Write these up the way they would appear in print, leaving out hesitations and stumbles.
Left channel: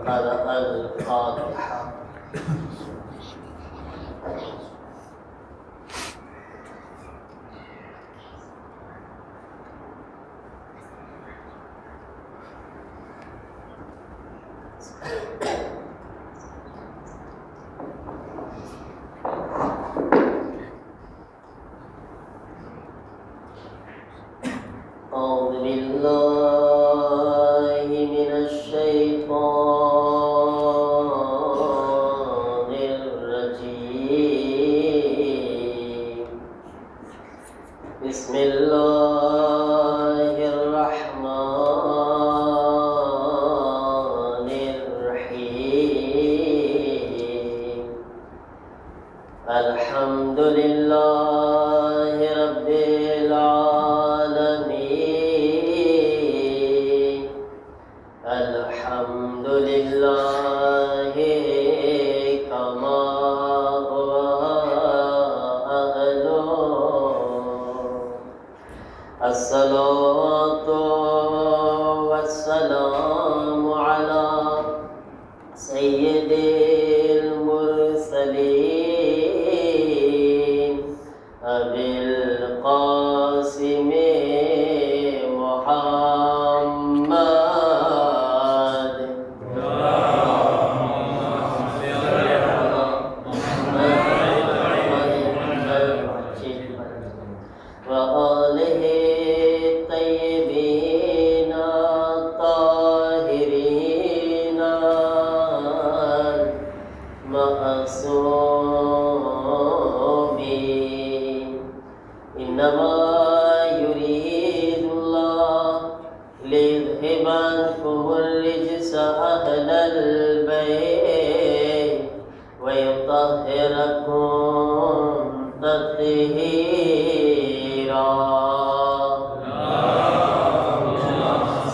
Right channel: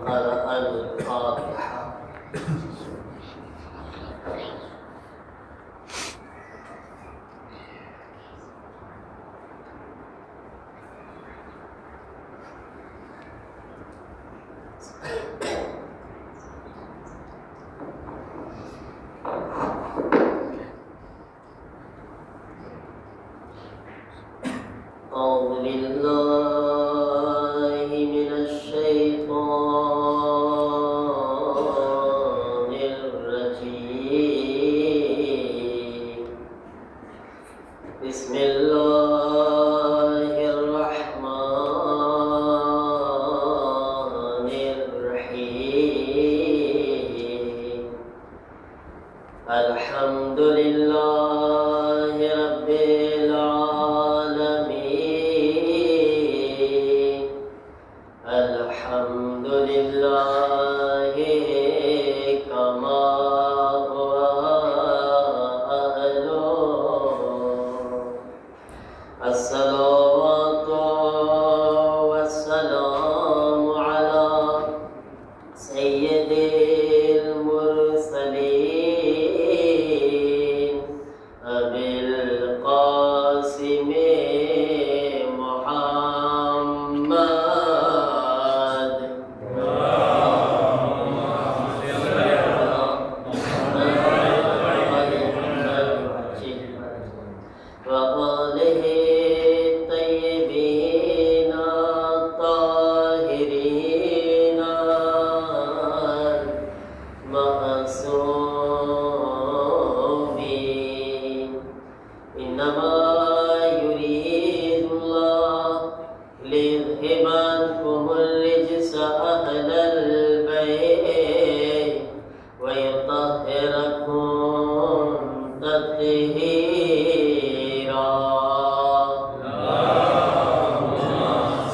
وقرأ الفاتحة. أعوذ بالله من الشيطان الرجيم. بسم الله الرحمن الرحيم. الحمد لله رب العالمين. الحمد لله كما هو أهله. الصلاة والسلام على سيد المرسلين أبي القاسم محمد وآله الطيبين الطاهرين المعصومين. إنما يريد الله ليذهب عنكم الرجس أهل البيت ويطهركم تطهيرا.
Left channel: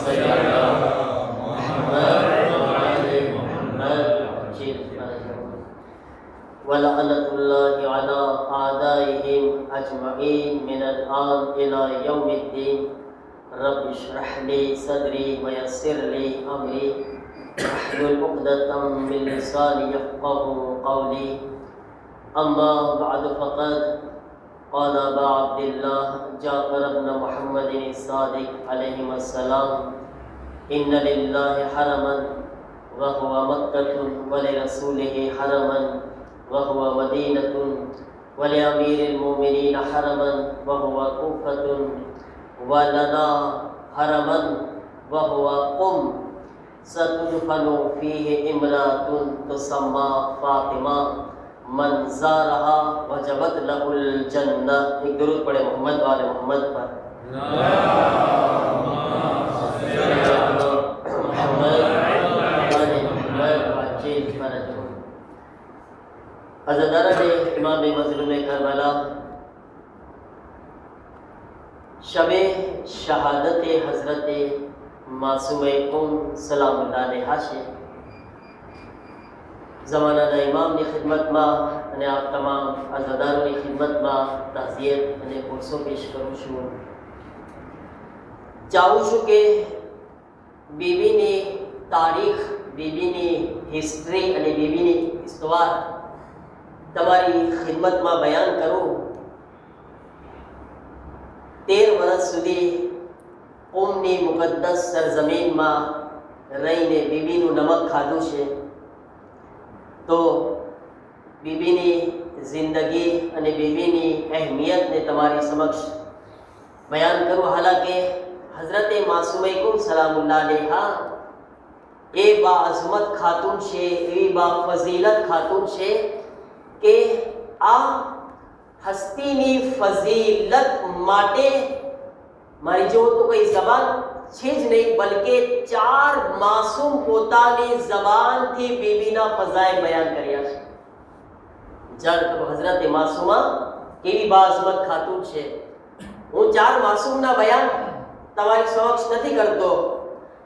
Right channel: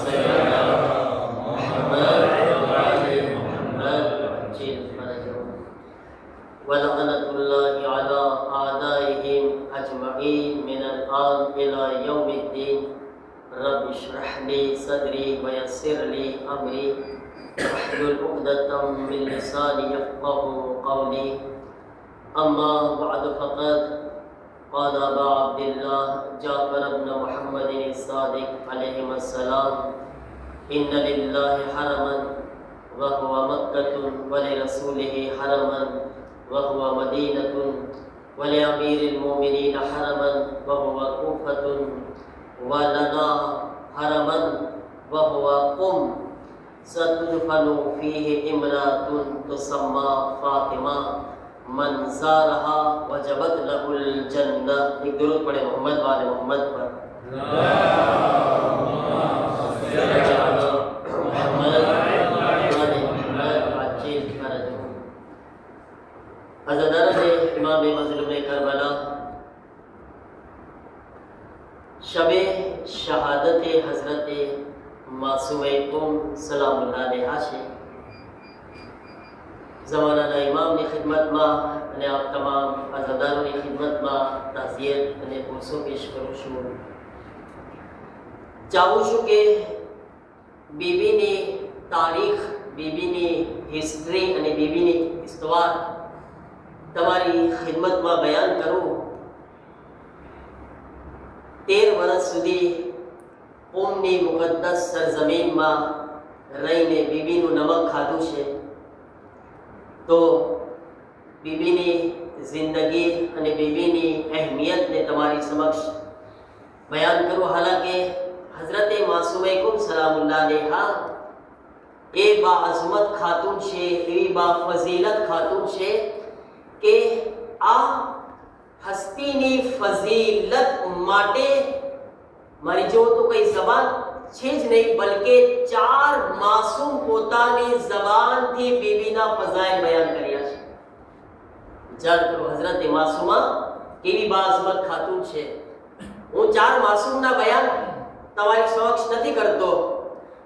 صل على محمد وعلى محمد وعجل فرجهم. ولعنة الله على أعدائهم أجمعين من الآن إلى يوم الدين. رب اشرح لي صدري ويسر لي أمري واحلل عقدة من لساني يفقهوا قولي. أما بعد فقد قال أبا عبد الله جعفر بن محمد الصادق عليهما السلام: إن لله حرما وهو مكة ولرسوله حرما وهو مدينة ولأمير المؤمنين حرما وهو كوفة ولنا حرما وهو قم ستدفن فيه امرأة تسمى فاطمة من زارها وجبت له الجنة. एक दुरूद पढ़े मोहम्मद वाले मोहम्मद पर. अज़दार इमाम मज़लूम करबला शबे शहादत हज़रत मासूम सलामुल्लाह अलैहा છે. ज़मानाના ઇમામની ખિદમતમાં અને આપ તમામ અઝાદારોની ખિદમતમાં તાઝિયત અને ભૂસો પેશ કરું છું. ચાહું છું કે બીબીની તારીખ, બીબીની હિસ્ટ્રી અને બીબીની ઇસ્તવાર તમારી ખિદમતમાં બયાન કરું. 13 વર્ષ સુધી ઉમની મુકદ્દસ સરજમીનમાં રહીને બીબીનું નમક ખાધું છે. તો બીબીની જિંદગી અને બીબીની અહેમિયતને તમારી સમક્ષ બયાન કરું. હાલાકે હઝરતે માસૂમૈકુમ સલામુલ્લાહ અલૈહા એ બાઅઝમત ખાતુન છે, એવી બાફઝીલત ખાતુન છે કે આ હસ્તીની ફઝીલત માટે મારી જેવો તો કઈ જબાન છે જ નહીં, બલકે 4 માસૂમ પોતાની જબાનથી બીબીના ફઝાઇલ બયાન કર્યા છે. વિચાર કરો, હઝરતે માસૂમા કેવી બાઅઝમત ખાતુન છે. હું 4 માસૂમના બયાન તમારી સમક્ષ નથી કરતો,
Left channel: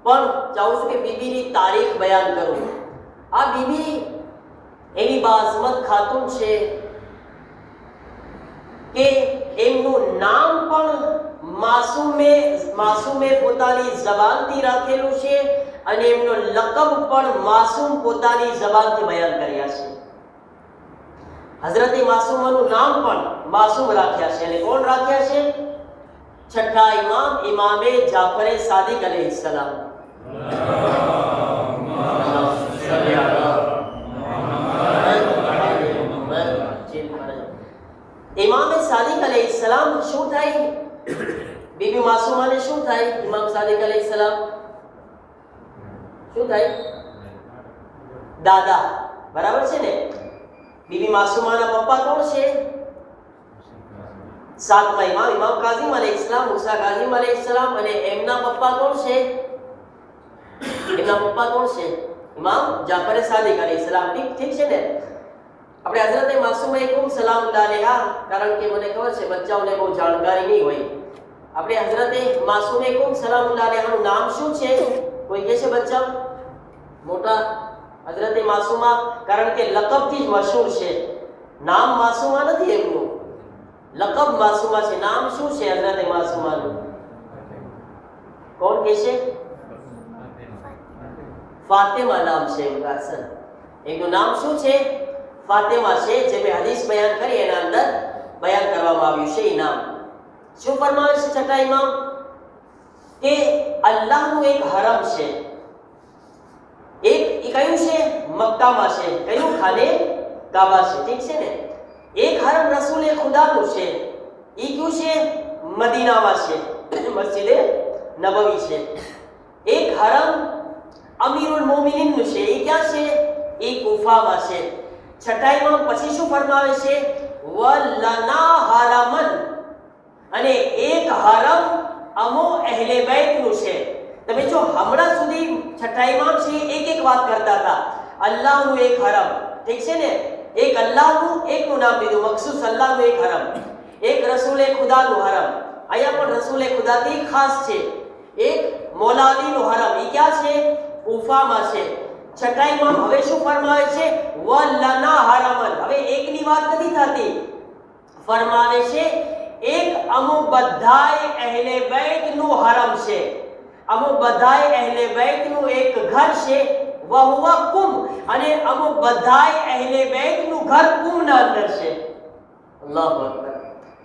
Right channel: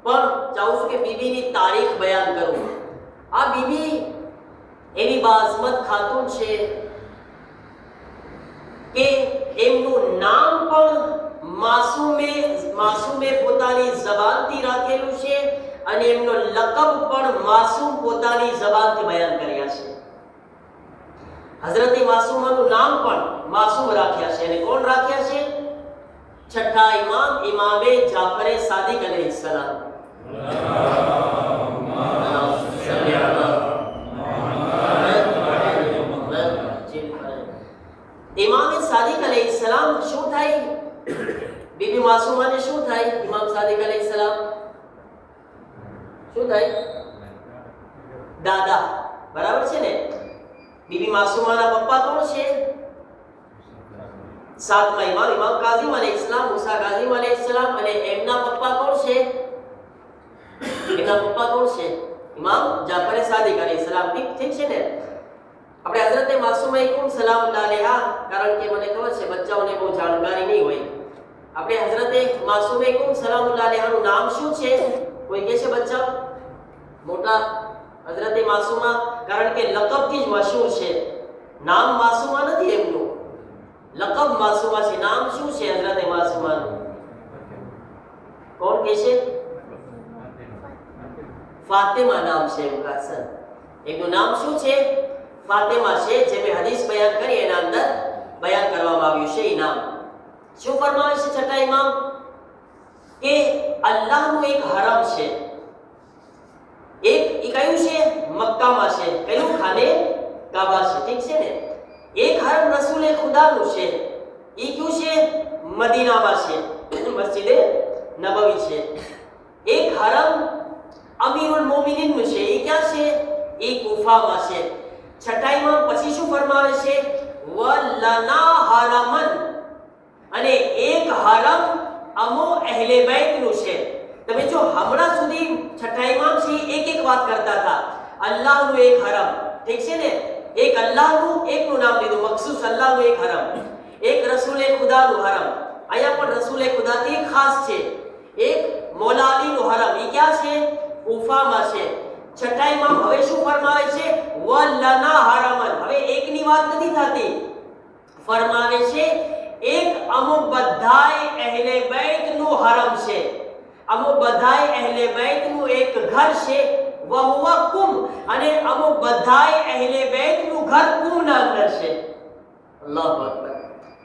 પણ ચાહું છું કે બીબીની તારીખ બયાન કરું. આ બીબી એવી બાઅઝમત ખાતુન છે કે એમનું નામ પણ માસૂમે પોતાની જબાનથી રાખેલું છે અને એમનો લકબ પણ માસૂમ પોતાની જબાનથી બયાન કર્યા છે. હઝરત માસૂમાનું નામ પણ માસૂમ રાખ્યા છે. અને કોણ રાખ્યા છે? છઠ્ઠા ઇમામ ઇમામે જાફરે સાદિક અલૈહિસ્સલામ. ઇમામે સાદિક અલૈહિસ્સલામ શું થાય? બીબી માસૂમાને શું થાય? ઇમામ સાદિક અલૈહિસ્સલામ શું થાય? દાદા, બરાબર છે ને? બીબી માસૂમાના પપ્પા કોણ છે? સાતમા ઇમામ ઇમામ કાઝિમ અલૈહિસ્સલામ, મુસા કાઝિમ અલૈહિસ્સલામ. અને એમના પપ્પા કોણ છે? એમના પપ્પા કોણ છે? ઇમામ જાફર સાદિક અલૈહિસ્સલામ. ઠીક છે ને? આપણે હઝરત માસૂમા કુમ સલામુલ્લાહ અલૈહા, કારણ કે મને ખબર છે બચ્ચાઓને બહુ જાણકારી નહીં હોય, આપણે હઝરત માસૂમા કુમ સલામુલ્લાહ અલૈહાનું નામ શું છે? કોઈ કહે છે બચ્ચા? મોટા હઝરત માસૂમા, કારણ કે લકબથી જ મશહૂર છે. નામ માસૂમા નથી એમનું, લકબ માસૂમા છે. નામ શું છે હઝરત માસૂમાનું? કોણ કહે છે? ફાતિમા નામ છે એમનું. સર, એમનું નામ શું છે? ફાતિમા છે. જે મેં હદીસ બયાન કરી એના અંદર બયાન કરવામાં આવ્યું છે. એ નામ શું ફરમાવે છે છઠ્ઠા ઇમામ? કે અલ્લાહનું એક હરમ છે. એક એ કયું છે? મક્કામાં છે. કયું? ખાને કાબા છે. ઠીક છે ને? એક હરમ રસૂલ ખુદાનું છે. એ કયું છે? મદીનામાં છે, મસ્જિદે નબવી છે. એક હરમ અમીરુલ મોમિનીનનું છે. એ ક્યાં છે? એ કુફામાં છે. છઠ્ઠા ઇમામ પછી શું ફરમાવે છે? વલના હરમન, અને એક હરમ અમો અહેલે બેતનું છે. તમે જો હમણાં સુધી છઠ્ઠા ઇમામ છે એક એક વાત કરતા હતા. અલ્લાહનું એક હરમ, ઠીક છે ને? એક અલ્લાહનું, એકનું નામ લીધું મખસૂસ, અલ્લાહનું એક હરમ. એક રસૂલે ખુદાનું હરમ. અહીંયા પણ રસૂલે ખુદાથી ખાસ છે. એક મૌલા અલીનું હરમ. એ ક્યાં છે? કુફામાં છે. છઠ્ઠા ઇમામ હવે શું ફરમાવે છે? વલના હરમન. હવે એકની વાત નથી થતી, ફરમાવે છે એક અમુક બધાય અહેલે બેતનું હરમ છે. અમુક બધાય અહેલે બેતનું એક ઘર છે. વહુવા કુમ, અને અમુક બધાય અહેલે બેતનું ઘર કુમના અંદર છે. અલ્લાહુ અકબર.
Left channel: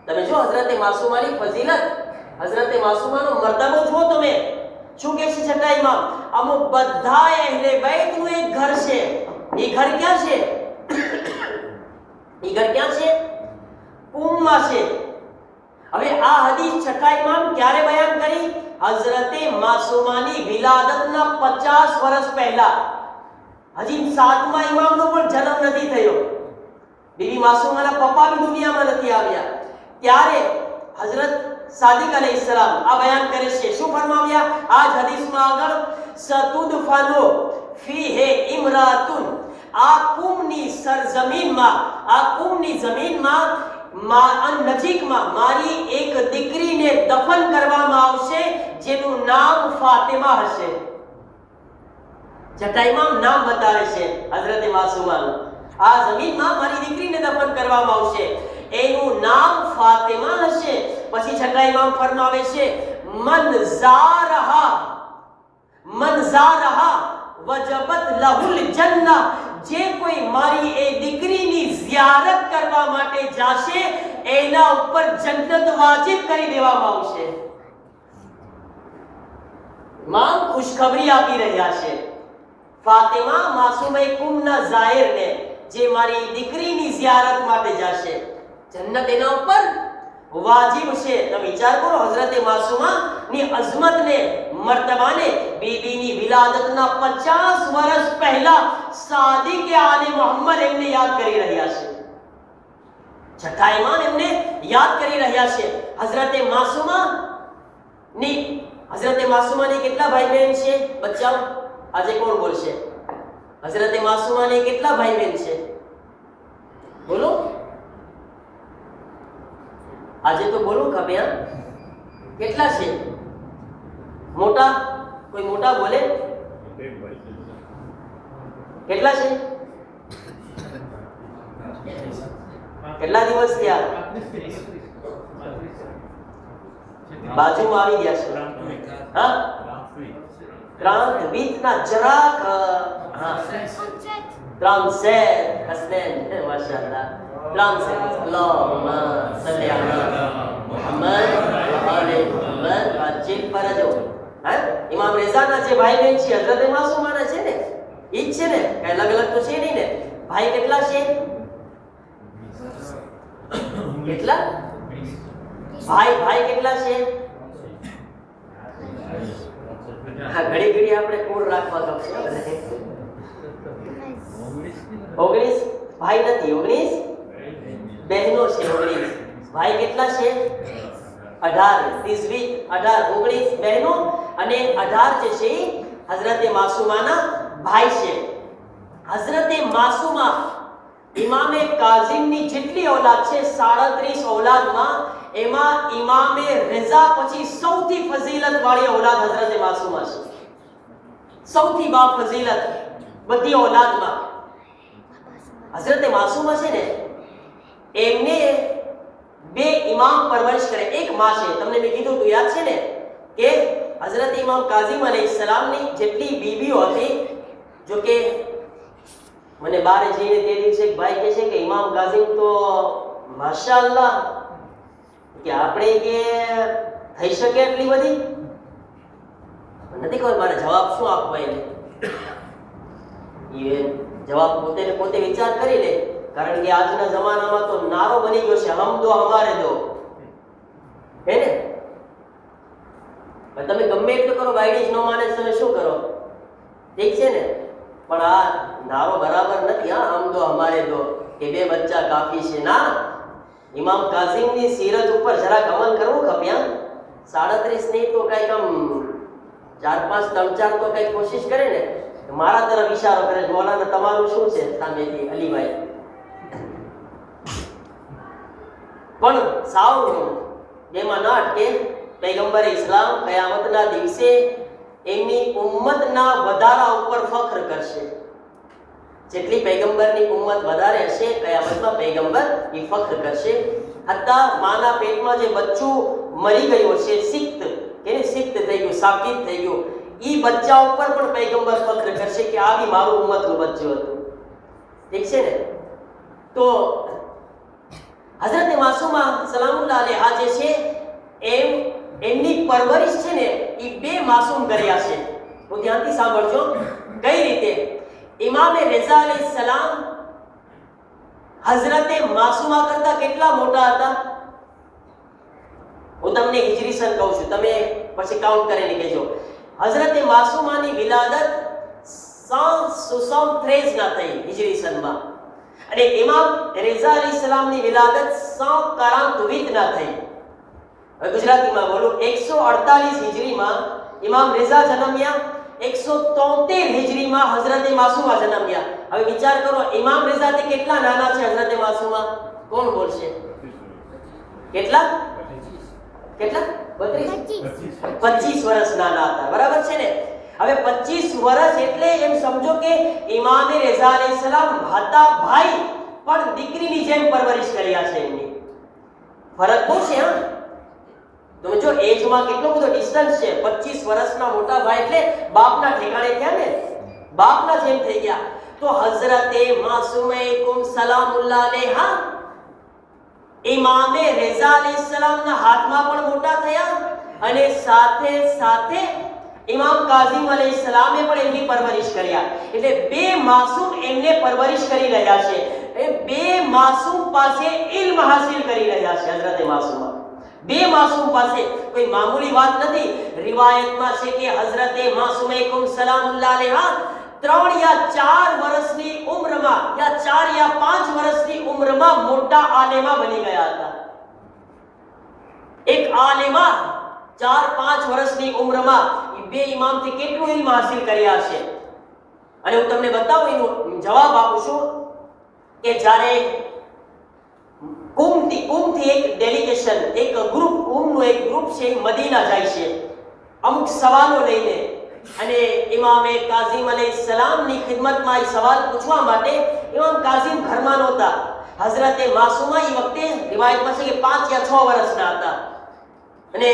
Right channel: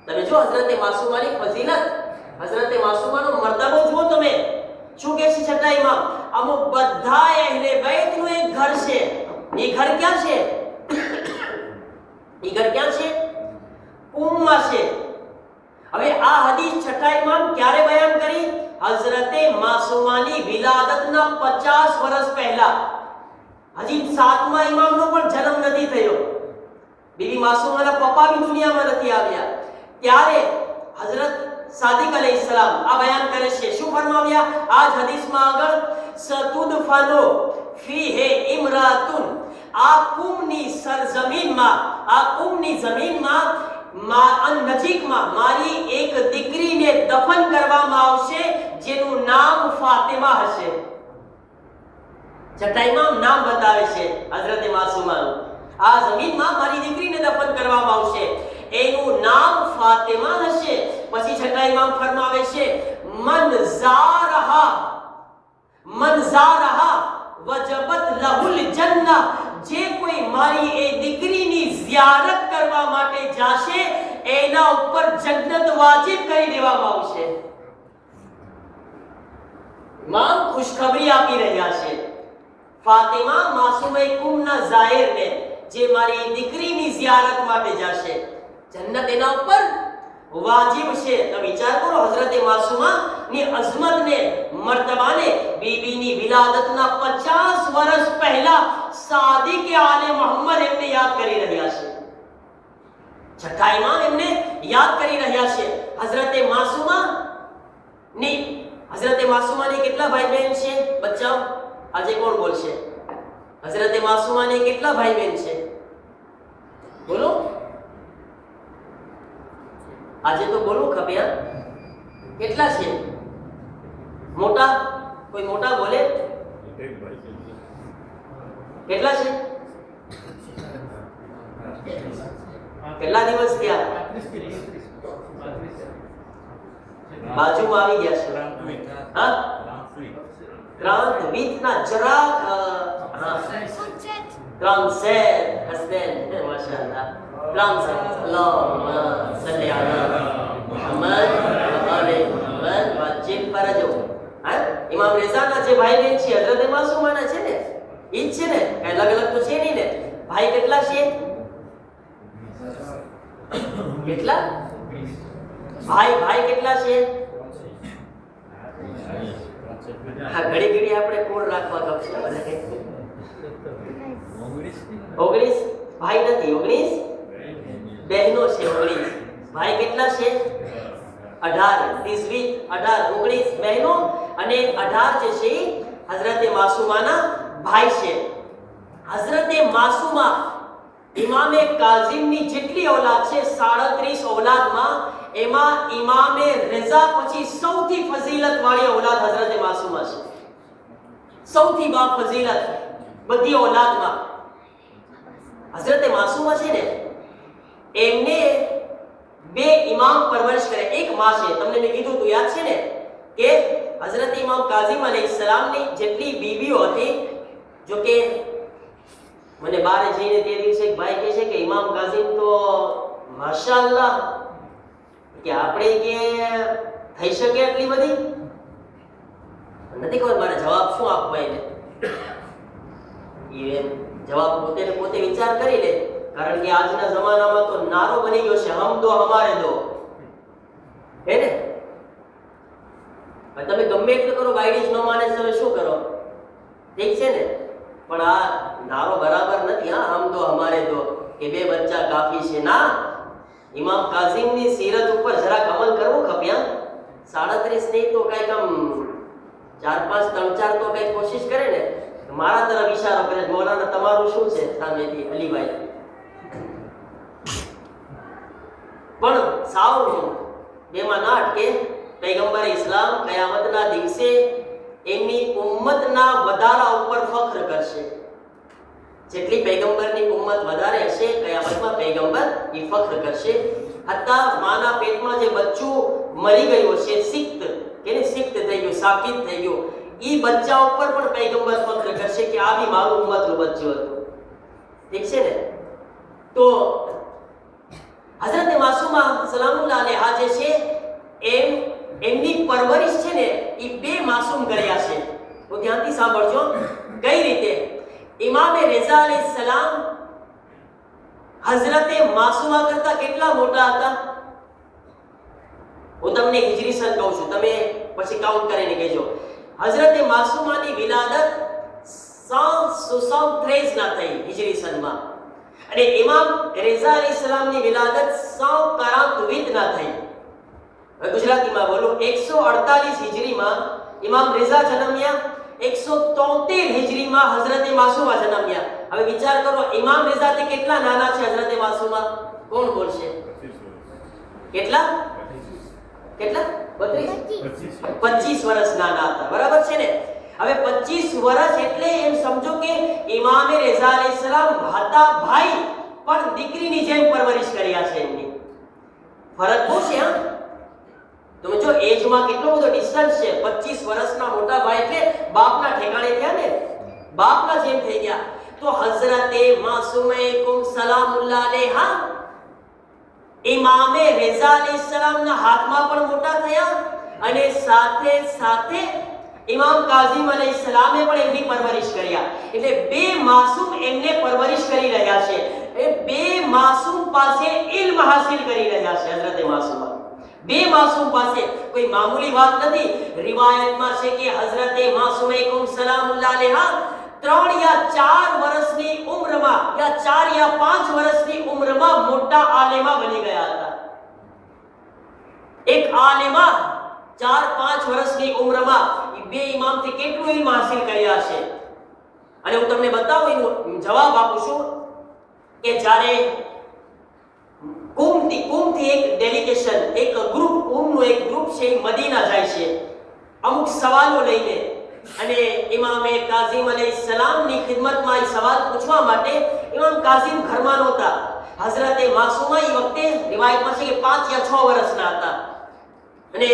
તમે જો હઝરત માસૂમાની ફઝીલત, હઝરત માસૂમાનો મર્તબો જુઓ તમે. શું કહે છે છઠ્ઠા ઇમામ? અમુક બધાય અહેલે બેતનું એક ઘર છે. એ ઘર ક્યાં છે? એ ઘર ક્યાં છે? કુમમાં છે. હવે આ હદીસ છઠ્ઠા ઇમામ ક્યારે બયાન કરી? હઝરતે માસૂમાની વિલાદતના 50 વર્ષ પહેલા. હજી સાતમા ઇમામનો પણ જન્મ નથી થયો. બીબી માસૂમાના પપ્પા બી દુનિયામાં નથી આવ્યા. ત્યારે હઝરત સાદિક અલૈહિસ્સલામ આ બયાન કરે છે. શું ફરમાવ્યા? આ હદીસમાં આગળ સતુદફનો ફીહે ઇમરાતુન, આ કુમની સરજમીનમાં, આ કુમની જમીનમાં નજીકમાં મારી એક દીકરીને દફન કરવામાં આવશે જેનું નામ ફાતિમા હશે. છઠ્ઠા ઇમામ નામ બતાવે છે હઝરત માસૂમાનું. આ જમીનમાં મારી દીકરીને દફન કરવામાં આવશે, એનું નામ ફાતિમા હશે. પછી છઠ્ઠા ઇમામ ફરમાવે છે મન ઝારહા વજબત લહુલ જન્નહ, જે કોઈ મારી એ દીકરીની ઝિયારત કરવા માટે જાશે એના ઉપર જન્નત વાજિબ કરી દેવામાં આવશે. ઇમામ ખુશખબરી આપી રહ્યા છે ફાતિમા માસૂમા કુમના ઝાહિરને, જે મારી દીકરીની ઝિયારત માટે જાશે, જન્નત એના ઉપર વાજિબ છે. તો વિચાર કરો હઝરત માસૂમા ની અઝમતને, મર્તબાને. બીબીની વિલાદતના 50 વર્ષ પહેલા સાદિક આલે મોહમ્મદ એમને યાદ કરી રહ્યા છે. છઠ્ઠા ઇમામ એમને યાદ કરી રહ્યા છે. હઝરત માસૂમાની કેટલા ભાઈ બહેન છે બચ્ચાઓ? આજે કોણ બોલશે? હઝરત માસૂમાની કેટલા ભાઈ બહેન છે? બોલો, આજે તો બોલો ખબર. કેટલા છે? મોટા? કોઈ મોટા બોલે? કેટલા છે? કેટલા દિવસ થયા? બાજુમાં આવી ગયા છે. હા, ક્રાંતવિત ના જરાક ક્રાંતસેટ હસનેન માશાઅલ્લાહ ક્રાંતસેટ અલ્લાહુમ્મા સલ્લી અલા મુહમ્મદ વ આલે મુહમ્મદ વાજિન પર જો હા ઇમામ રેઝાના જે ભાઈ બહેન છે હઝરત માસૂમાના છે ને ઈ જ છે ને કઈ અલગ અલગ તો છે નહીં ને ભાઈ કેટલા છે કેટલા ભાઈ કેટલા છે હા ઘડી ઘડી આપણે કોણ રાખવા ગમશે 19 ભાઈ નથી 19 બહેનો છે 19 ભાઈ કેટલા છે 18 30 18 19 બહેનો અને 18 જે છે હઝરતે માસૂમાના ભાઈ છે હઝરતે માસૂમા ઇમામે કાઝિમની જેટલી ઓલાદ છે 37 ઓલાદમાં એમાં ઇમામે રઝા પછી સૌથી ફઝીલત વાળી ઓલાદ હઝરતે માસૂમા છે સૌથી બા ફઝીલત બધી ઓલાદમાં હઝરતે માસૂમા છે ને એમને બે ઇમામ પરવરિશ કરે એક માં છે તમને મેં કીધું તો યાદ છે ને કે હઝરત ઇમામ કાઝિમ અલૈહિસ્સલામની જેટલી બીવીઓ હતી જો કે મને બારે જઈને તે દિવસે એક ભાઈ કહે છે કે ઇમામ કાઝિમ તો માશાઅલ્લાહ કે આપણે કે થઈ શકે એટલી બધી નથી ખબર મારે જવાબ શું આપવો એને એ જવાબ પોતે વિચાર કરી લે કારણ કે આજના જમાનામાં તો નારો બની ગયો છે હમ દો હમારે દો હે ને તમે ગમે એટલું કરો વાયડીજ ન માને તમે શું કરો ઠીક છે ને પણ આ નારો બરાબર નથી હા હમ દો હમારે દો કે બે બચ્ચા કાફી છે ના ઇમામ કાઝિમની સીરત ઉપર જરાક અમલ કરવું ખપે 37 નહીં તો કઈક આમ 4 5 3 4 તો કઈક કોશિશ કરે ને મારા તરફ ઈશારો કરે મોલાના તમારું શું છે સામેથી અલીભાઈ પણ સાવ બેમાં ના અટકે પૈગંબર ઇસ્લામ કયામતના દિવસે એમની ઉમ્મતના વધારા ઉપર ફખ્ર કરશે જેટલી પૈગંબરની ઉમ્મત વધારે હશે કયામતમાં પૈગંબર એ ફખ્ર કરશે હત્તા માના પેટમાં જે બચ્ચું મરી ગયું છે સિક્ત એને સિક્ત થઈ ગયું સાકિત થઈ ગયું ઈ બચ્ચા ઉપર પણ પૈગંબર ફખ્ર કરશે કે આ બી મારું ઉમ્મતનું બચ્ચું હતું ઠીક છે ને તો હઝરત માસૂમા સલામુલ્લાહ અલૈહા જે છે એમની પરવરિશ છે ને ઈ બે માસૂમ કર્યા છે તો ધ્યાનથી સાંભળજો કઈ રીતે ઇમામે રઝા અલૈહિસ્સલામ હઝરતે માસૂમા કરતા કેટલા મોટા હતા હું તમને હિજરી સન કહું છું તમે પછી કાઉન્ટ કરીને કહેજો હઝરતે માસૂમાની વિલાદત 173 ના થઈ હિજરી સનમાં અને ઇમામ રઝા અલૈહિસ્સલામની વિલાદત 148 ના થઈ હવે ગુજરાતીમાં બોલું 148 હિજરીમાં ઇમામ રઝા જન્મ્યા 173 હિજરીમાં હઝરતે માસૂમા જન્મ્યા હવે વિચાર કરો ઇમામ રઝાથી કેટલા નાના છે હઝરતે માસૂમા કોણ બોલશે કેટલા 25 વર્ષ નાના હતા બરાબર છે ને હવે 25 વર્ષ એટલે એમ સમજો કે ઇમામે રઝા અલૈહિસ્સલામ હતા ભાઈ પણ દીકરીની જેમ પરવરિશ કર્યા છે એમની ફરક તો છે તમે જો એજમાં કેટલો બધો ડિસ્ટન્સ છે 25 વર્ષના મોટા ભાઈ એટલે બાપના ઠેકાણે થયા ને બાપના જેમ થઈ ગયા તો હઝરતે માસૂમૈકુમ સલામુલ્લાહ અલૈહા ઇમામે રઝા અલૈહિસ્સલામના હાથમાં પણ મોટા થયા અને સાથે સાથે ઇમામ કાઝિમ અલૈહિસ્સલામે પણ એમની પરવરિશ કર્યા એટલે બે માસૂમ એમને પરવરિશ કરી રહ્યા છે એ બે માસૂમ પાસે ઇલ્મ હાસિલ કરી રહ્યા છે હઝરતે માસૂમા બે માસૂમ પાસે કોઈ મામૂલી વાત નથી રિવાયતમાં છે કે હઝરતે માસૂમૈકુમ સલામુલ્લાહ અલૈહા 3 યા 4 વર્ષની ઉંમરમાં યા 4 યા 5 વર્ષની ઉંમરમાં મોટા આલેમા બની ગયા હતા એક આલેમા 4-5 વર્ષની ઉંમરમાં બે ઇમામથી કેટલું ઇલ્મ હાસિલ કર્યા છે અને હું તમને બતાવું એનો જવાબ આપું છું કે જ્યારે કુમથી એક ડેલિગેશન એક ગ્રુપનું એક ગ્રુપ છે મદીના જાય છે અમુક સવાલો લઈને અને ઇમામે કાઝિમ અલૈહિસ્સલામની ખિદમતમાં એ સવાલ પૂછવા માટે ઇમામ કાઝિમ ઘરમાં નહોતા હઝરતે માસૂમા એ વખતે રિવાયતમાં છે કે 5 યા 6 વર્ષના હતા અને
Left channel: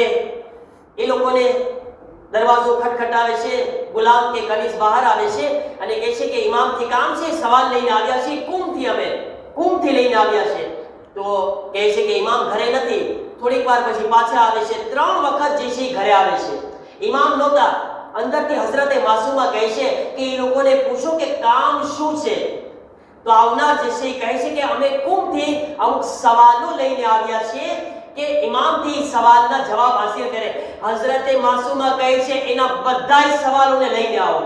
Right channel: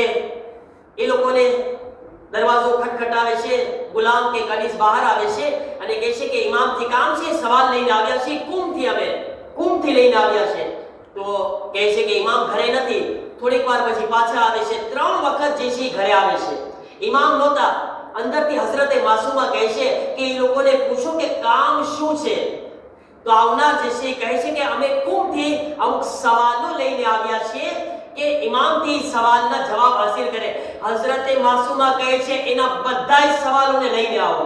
એ લોકોને દરવાજો ખટખટાવે છે, ગુલામ કે કનીઝ બહાર આવે છે અને કહે છે કે ઇમામથી કામ છે, સવાલ લઈને આવ્યા છે, કુમથી લઈને આવ્યા છે. તો કહે છે કે ઇમામ ઘરે નથી. થોડીક વાર પછી પાછા આવે છે, 3 વખત જે છે ઘરે આવે છે, ઇમામ નહોતા. અંદરથી હઝરતે માસુમા કહે છે કે એ લોકોને પૂછો કે કામ શું છે. તો આવનાર જે છે કહે છે કે અમે કુમથી અમુક સવાલો લઈને આવ્યા છીએ કે ઇમામથી સવાલના જવાબ હાસિલ કરે. હઝરતે માસુમા કહે છે એના બધાય સવાલોને લઈને આવો,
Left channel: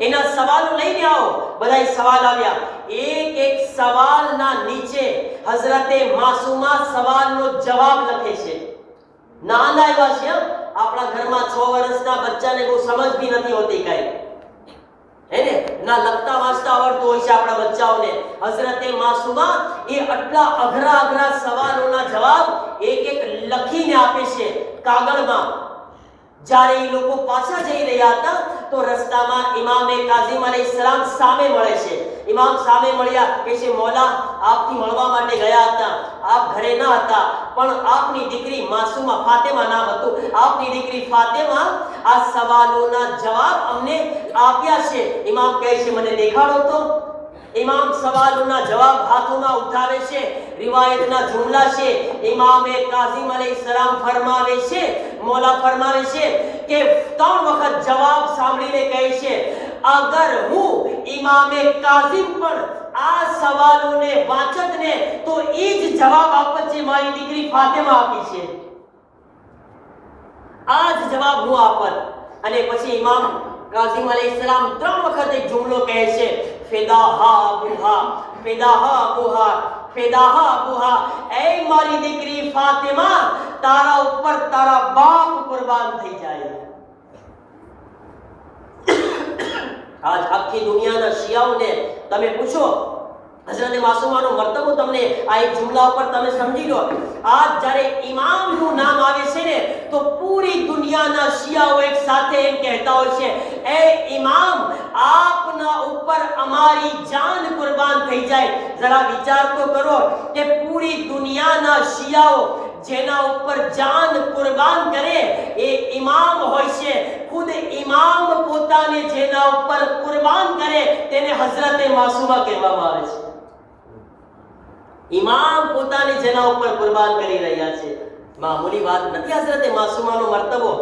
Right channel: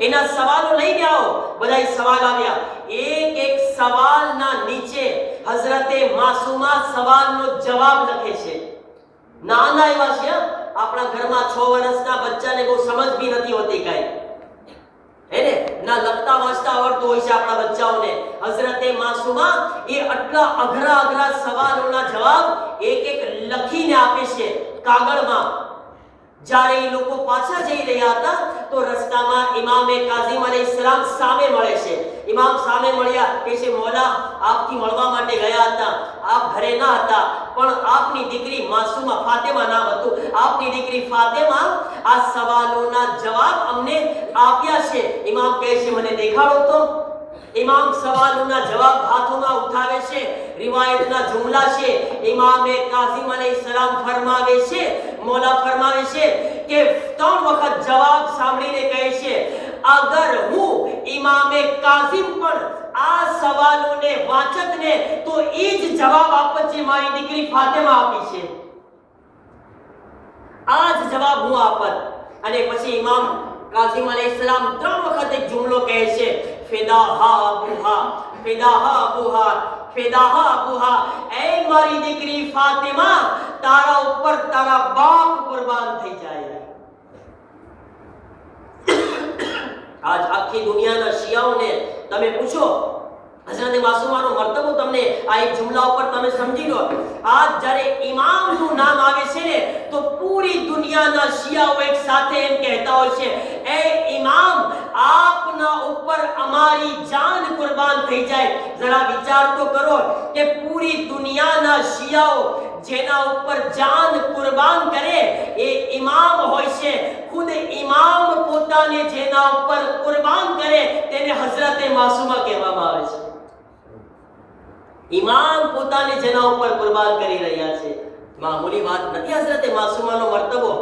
એના સવાલો લઈને આવો. બધાય સવાલ આવ્યા. એક સવાલના નીચે હઝરતે માસુમા સવાલનો જવાબ લખે છે. નાના એવા છે, આપણા ઘરમાં 6 વર્ષના બચ્ચાને બહુ સમજ બી નથી હોતી કાંઈ, હે ને, ના લખતા વાંચતા આવડતું હોય છે આપણા બચ્ચાઓને. હઝરતે માસુમા એ આટલા અઘરા સવાલોના જવાબ એક લખીને આપે છે કાગળમાં. જ્યારે એ લોકો પાછા જઈ રહ્યા હતા તો રસ્તામાં ઇમામે કાઝિમ અલૈહિસ્સલામ સામે મળે છે. ઇમામ સામે મળ્યા, કહે છે મૌલા આપથી મળવા માટે ગયા હતા, આપ ઘરે ન હતા, પણ આપની દીકરી માસુમા, ફાતિમા નામ હતું, આપની દીકરી ફાતિમા આ સવાલોના જવાબ અમને આપ્યા છે. ઇમામ કહે છે મને દેખાડો તો. ઇમામ સવાલોના જવાબ હાથોમાં ઉઠાવે છે. રિવાયતના જુમલા છે. ઇમામે કાઝિમ અલૈહિસ્સલામ ફરમાવે છે, મૌલા ફરમાવે છે કે 3 વખત જવાબ સાંભળીને કહે છે અગર હું ઇમામે કાઝિમ પણ આ સવાલોને વાંચતને તો એ જ જવાબ આપત જે મારી દીકરી ફાતિમા આપી છે, આ જ જવાબ હું આપત. અને પછી ઇમામ કાઝિમ અલૈહિસ્સલામ 3 વખત એક જુમલો કહે છે ફિદાહા અબુહા, ફિદાહા અબુહા, ફિદાહા અબુહા. એ મારી દીકરી ફાતિમા, તારા ઉપર તારા બાપ કુરબાન થઈ જાય. આજ આખી દુનિયાના શિયાઓને તમે પૂછો, હઝરતે માસુમાનો મર્તબો તમને આ એક જુમલા ઉપર તમે સમજી લો. આજ જ્યારે ઇમામનું નામ આવે છે ને તો પૂરી દુનિયાના શિયાઓ એક સાથે એમ કહેતા હોય છે એ ઇમામ આપના ઉપર અમારી જાન કુરબાન થઈ જાય. જરા વિચાર તો કરો કે પૂરી દુનિયાના શિયાઓ જેના ઉપર જાન કુરબાન કરે એ ઇમામ હોય છે. ખુદ ઇમામ પોતાને જેના ઉપર કુરબાન કરે તેને હઝરતે માસુમા કહેવામાં આવે છે. ઇમામ પોતાને જેના ઉપર કુરબાન કરી રહ્યા છે, મામૂલી વાત નથી. હઝરતે માસુમાનો મર્તબો